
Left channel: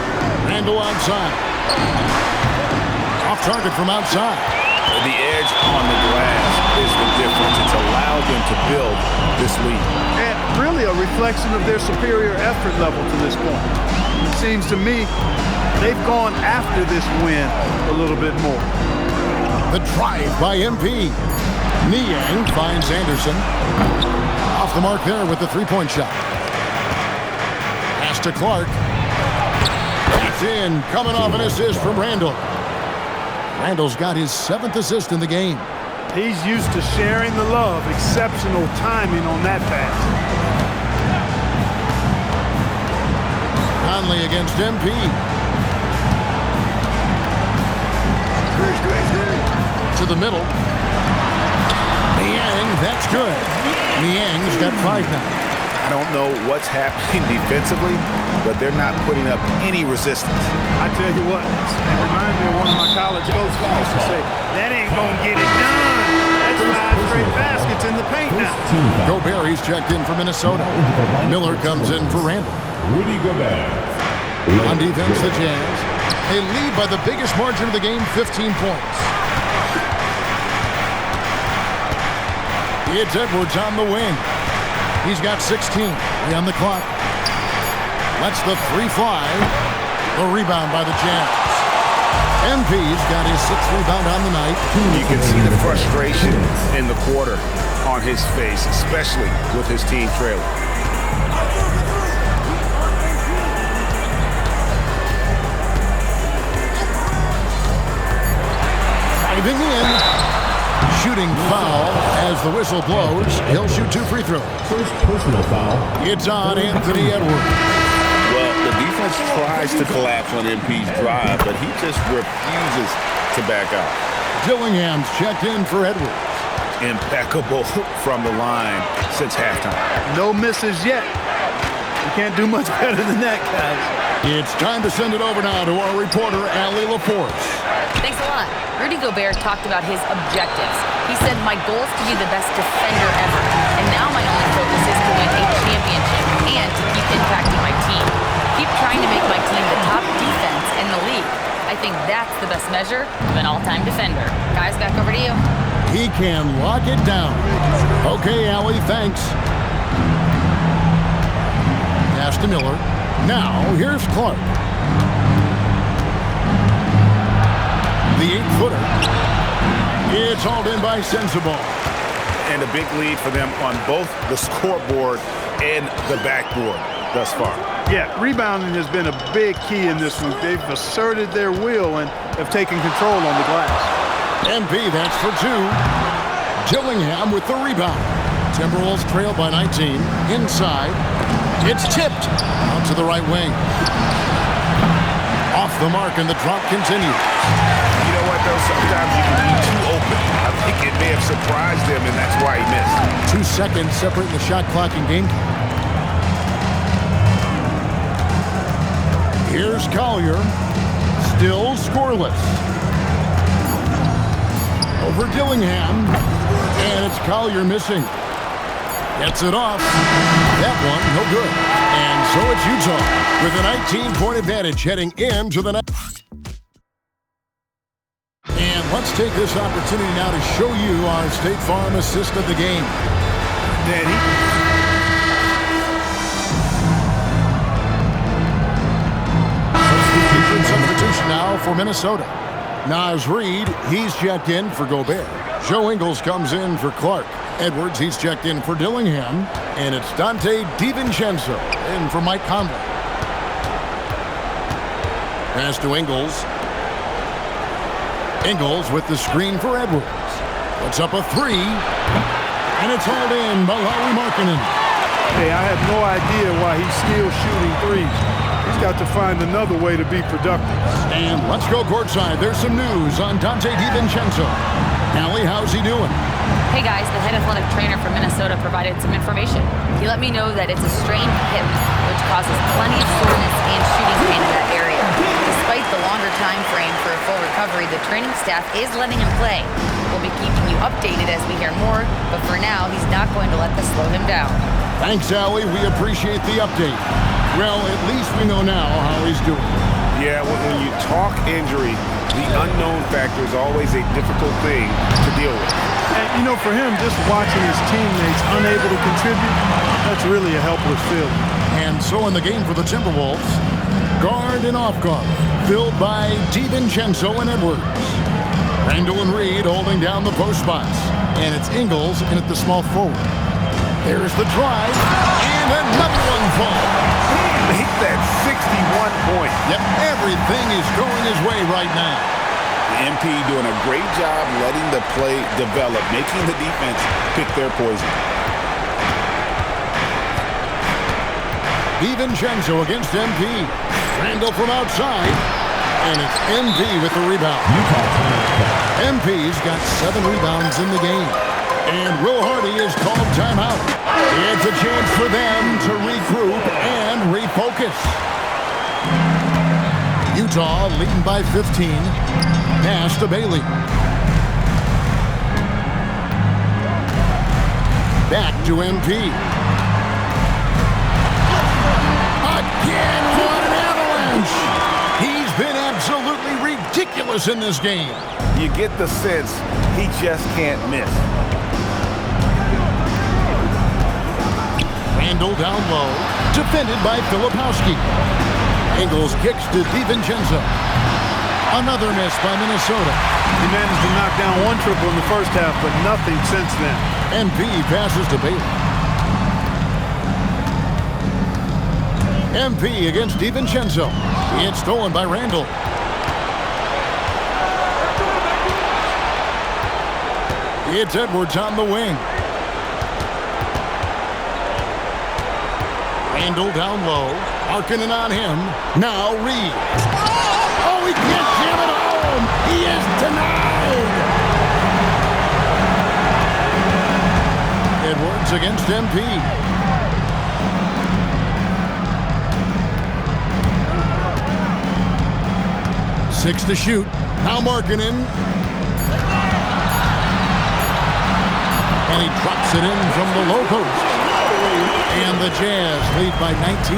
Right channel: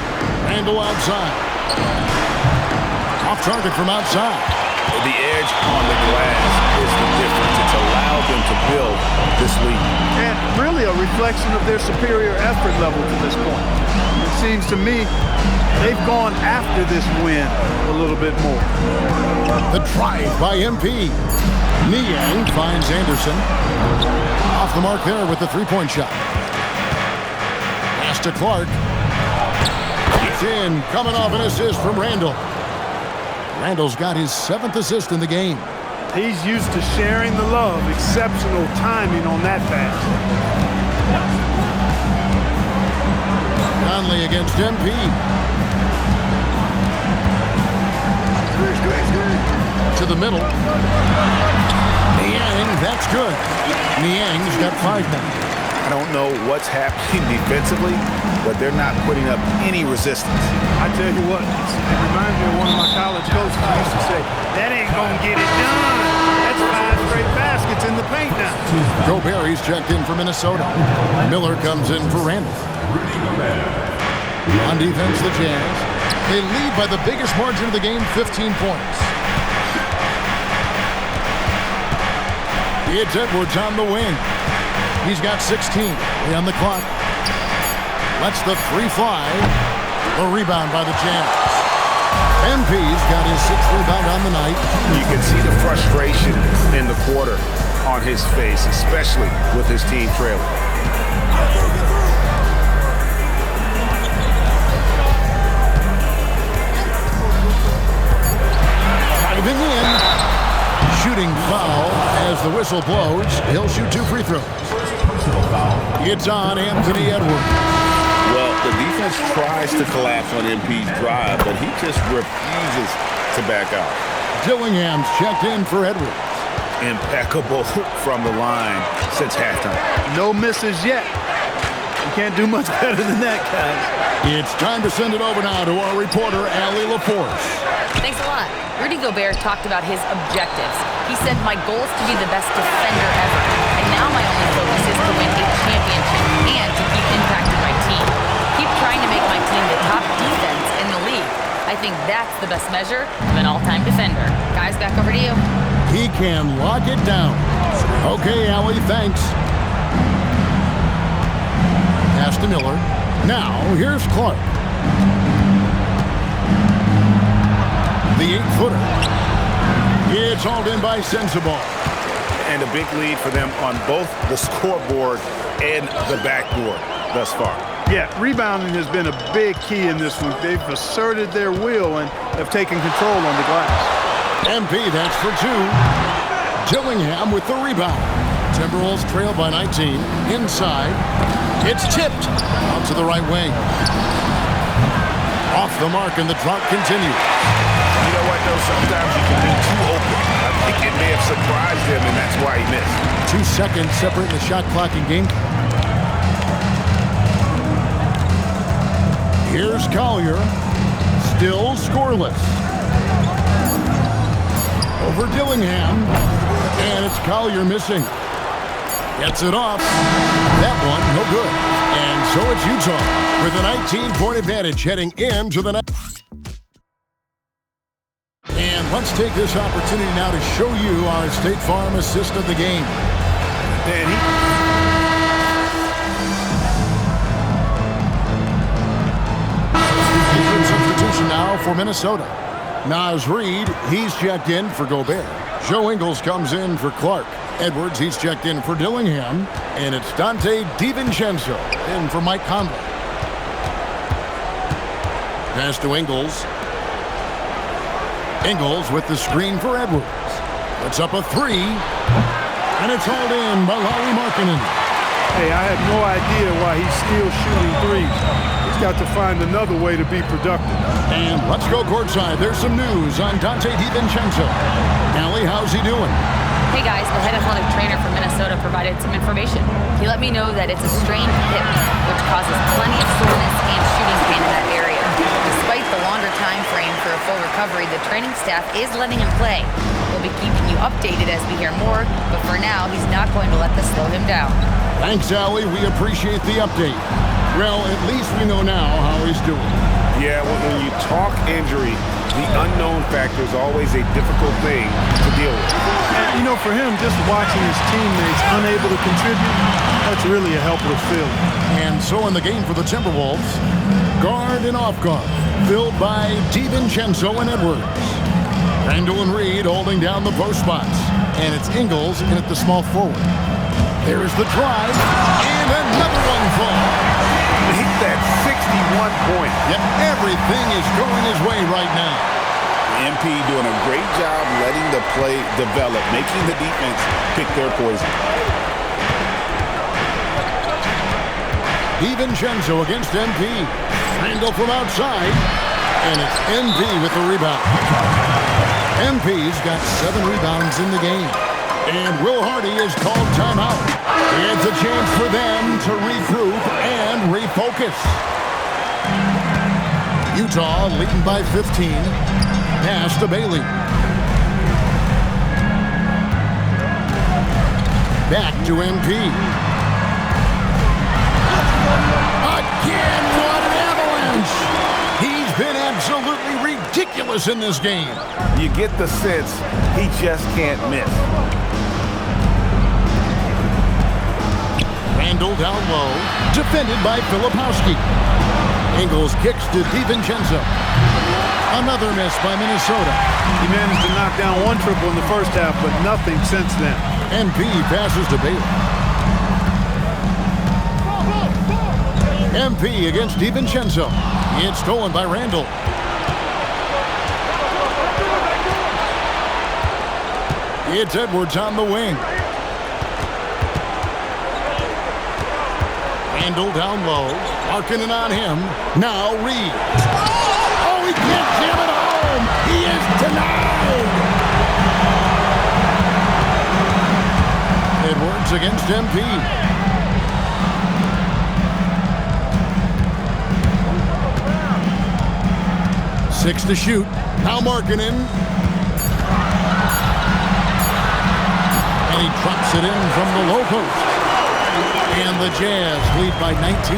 Randall outside. Off target from outside. The edge on the glass is the difference. It's allowed them to build this lead. And really a reflection of their superior effort level to this point. It seems to me they've gone after this win a little bit more. The drive by MP. Niang finds Anderson. Off the mark there with the three-point shot. Pass to Clark. It's in. Coming off an assist from Randall. Randall's got his 7th assist in the game. He's used to sharing the love. Exceptional timing on that pass. Conley against MP. To the middle. Niang, that's good. Niang's got 5 now. I don't know what's happening defensively, but they're not putting up any resistance. I tell you what, it reminds me of one of my college coaches who used to say, that ain't gonna get it done. That's 5 straight baskets in the paint now. Gobert, he's checked in for Minnesota. Miller comes in for Randall. Rudy Gobert. On defense, the Jazz. They lead by the biggest margin of the game, 15 points. It's Edwards on the wing. He's got 16. 3 on the clock. Lets the 3 fly. The rebound by the Jazz. MP's got his 6th rebound on the night. You can see the frustration in the quarter on his face, especially with his team trailing. Driving in. Shooting foul as the whistle blows. He'll shoot 2 free throws. First personal foul. It's on Anthony Edwards. Well, the defense tries to collapse on MP's drive, but he just refuses to back out. Dillingham's checked in for Edwards. Impeccable from the line since halftime. No misses yet. You can't do much better than that, guys. It's time to send it over now to our reporter, Allie LaForce. Thanks a lot. Rudy Gobert talked about his objectives. He said, my goal is to be the best defender ever. And now my only focus is to win a championship and to keep impacting my team. Keep trying to make my team the top defense in the league. I think that's the best measure of an all-time defender. Guys, back over to you. He can lock it down. Okay, Allie, thanks. Pass to Miller. Now, here's Clark. The 8-footer. It's hauled in by Sensabaugh. And a big lead for them on both the scoreboard and the backboard thus far. Yeah, rebounding has been a big key in this one. They've asserted their will and have taken control on the glass. MP, that's for 2. Dillingham with the rebound. Timberwolves trail by 19. Inside. It's tipped. Out to the right wing. Off the mark, and the drop continues. You know what, though? Sometimes you can be too open. I think it may have surprised him, and that's why he missed. 2 seconds separating the shot clock and game clock. Here's Collier. Still scoreless. Over Dillingham. And it's Collier missing. Gets it off. That one, no good. And so it's Utah with a 19-point advantage heading into the next. And let's take this opportunity now to show you our State Farm assist of the game. Danny. Substitution now for Minnesota. Naz Reid, he's checked in for Gobert. Joe Ingles comes in for Clark. Edwards, he's checked in for Dillingham. And it's Dante DiVincenzo in for Mike Conley. Pass to Ingles. Ingles with the screen for Edwards. Puts up a three. And it's hauled in by Lauri Markkanen. Hey, I have no idea why he's still shooting threes. He's got to find another way to be productive. And let's go courtside. There's some news on Donte DiVincenzo. Allie, how's he doing? Hey guys, the head athletic trainer from Minnesota provided some information. He let me know that it's a strained hip, which causes plenty of soreness and shooting pain in that area. Despite the longer time frame for a full recovery, the training staff is letting him play. We'll be keeping you updated as we hear more, but for now, he's not going to let this slow him down. Thanks, Allie. We appreciate the update. Well, at least we know now how he's doing. Yeah, when you talk injury, the unknown factor is always a difficult thing to deal with. And, you know, for him, just watching his teammates unable to contribute, that's really a helpless feeling. And so in the game for the Timberwolves, guard and off guard, filled by DiVincenzo and Edwards. Randall and Reed holding down the post spots. And it's Ingles in at the small forward. There's the drive, and another one falls. Make that 61 point. Yep, everything is going his way right now. The MP doing a great job letting the play develop, making the defense pick their poison. DiVincenzo against MP. Randall from outside, and it's MP with the rebound. MP's got 7 rebounds in the game. And Will Hardy is called timeout. It's a chance for them to regroup and refocus. Utah leading by 15. Pass to Bailey. Back to MP. Again, what an avalanche! He's been absolutely ridiculous in this game. You get the sense he just can't miss. Randall down low, defended by Filipowski. Ingles kicks to DiVincenzo. Another miss by Minnesota. He managed to knock down 1 triple in the first half, but nothing since then. MP passes to Bailey. MP against DiVincenzo. It's stolen by Randall. It's Edwards on the wing. Randall down low. Markkanen on him. Now Reed. Oh, he can't jam it home. He is denied. Edwards against MP. Six to shoot. Now Markkanen. And he drops it in from the low post. And the Jazz lead by 19.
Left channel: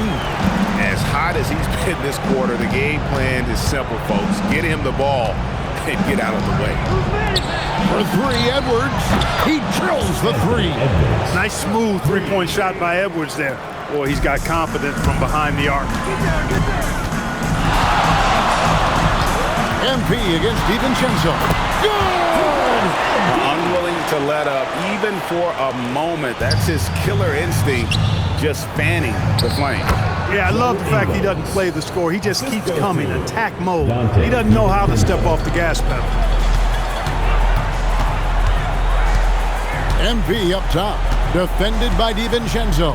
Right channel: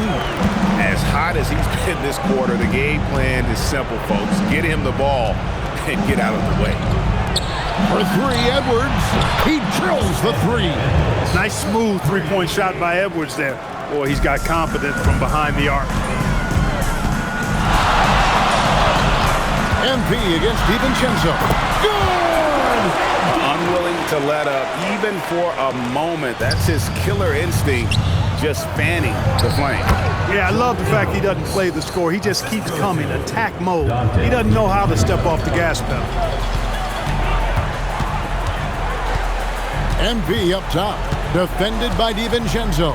As hot as he's been this quarter, the game plan is simple, folks. Get him the ball and get out of the way. For three, Edwards. He drills the three. Nice smooth three-point shot by Edwards there. Boy, he's got confidence from behind the arc. MP against DiVincenzo. Good! Unwilling to let up even for a moment. That's his killer instinct, just fanning the flame. Yeah, I love the fact he doesn't play the score. He just keeps coming, attack mode. He doesn't know how to step off the gas pedal. MP up top, defended by DiVincenzo.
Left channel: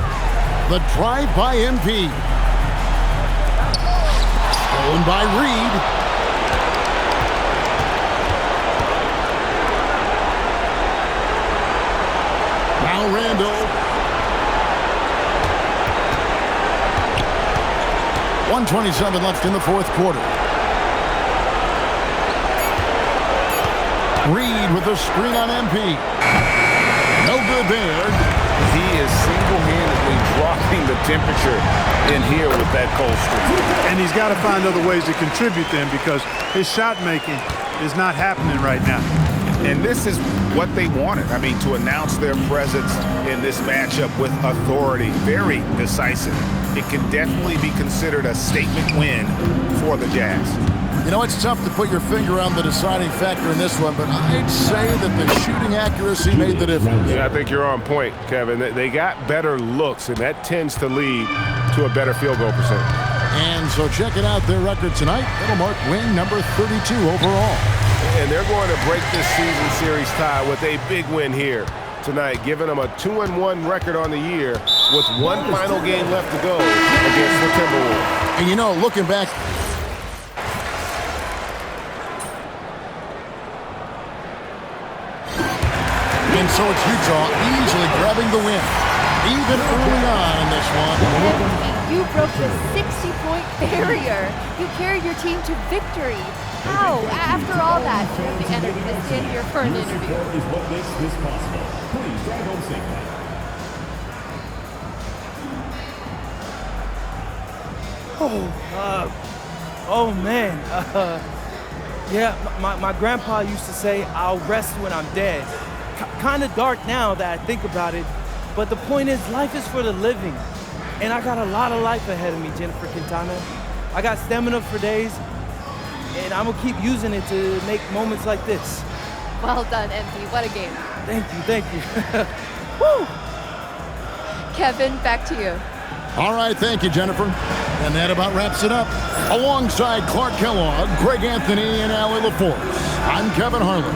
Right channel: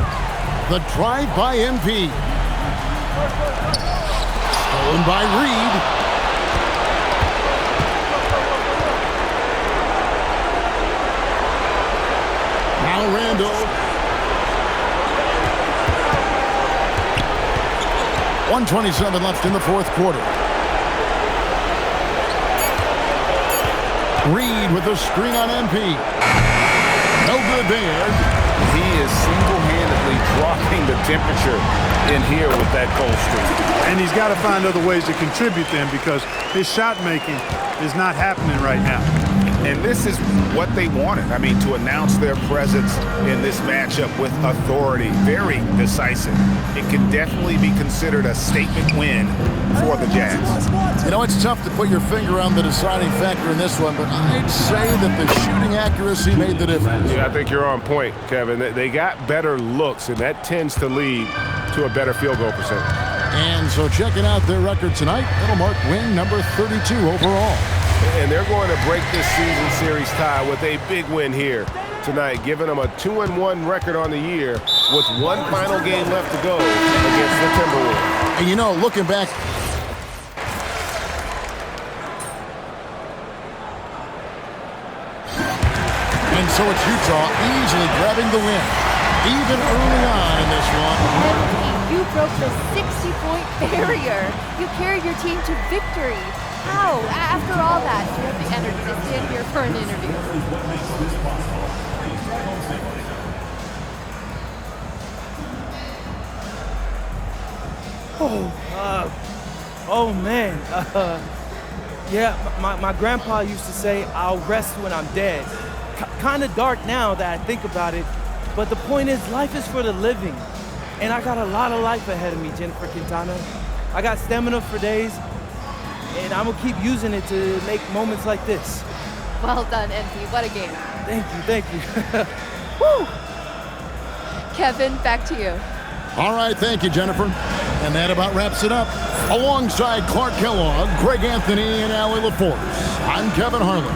The drive by MP. Stolen by Reed. Now Randall. 1:27 left in the fourth quarter. Reed with a screen on MP. No good there. He is single-handedly dropping the temperature in here with that cold streak. And he's got to find other ways to contribute then, because his shot making is not happening right now. And this is what they wanted. I mean, to announce their presence in this matchup with authority, very decisive. It can definitely be considered a statement win for the Jazz. You know, it's tough to put your finger on the deciding factor in this one, but I'd say that the shooting accuracy made the difference. Yeah, I think you're on point, Kevin. They got better looks, and that tends to lead to a better field goal percentage. And so checking out their record tonight, it'll mark win number 32 overall. and they're going to break this season series tie with a big win here tonight, giving them a 2-1 record on the year with one final game left to go against the Timberwolves. And you know, looking back, and so it's Utah easily grabbing the win, even early on in this one. Empty, you broke the 60-point barrier. You carried your team to victory. How? After all that, do you have the energy to stand here for an interview? Is what makes this possible. Please drive home safely. Oh man. Yeah, my grandpa used to say, I'll rest when I'm dead. Kind of dark now that I think about it, but the point is, life is for the living. And I got a lot of life ahead of me, Jennifer Quintana. I got stamina for days, and I'm gonna keep using it to make moments like this. Well done, MP. What a game. Thank you. Woo! Kevin, back to you. All right, thank you, Jennifer. And that about wraps it up. Alongside Clark Kellogg, Greg Anthony, and Allie LaForce, I'm Kevin Harlan.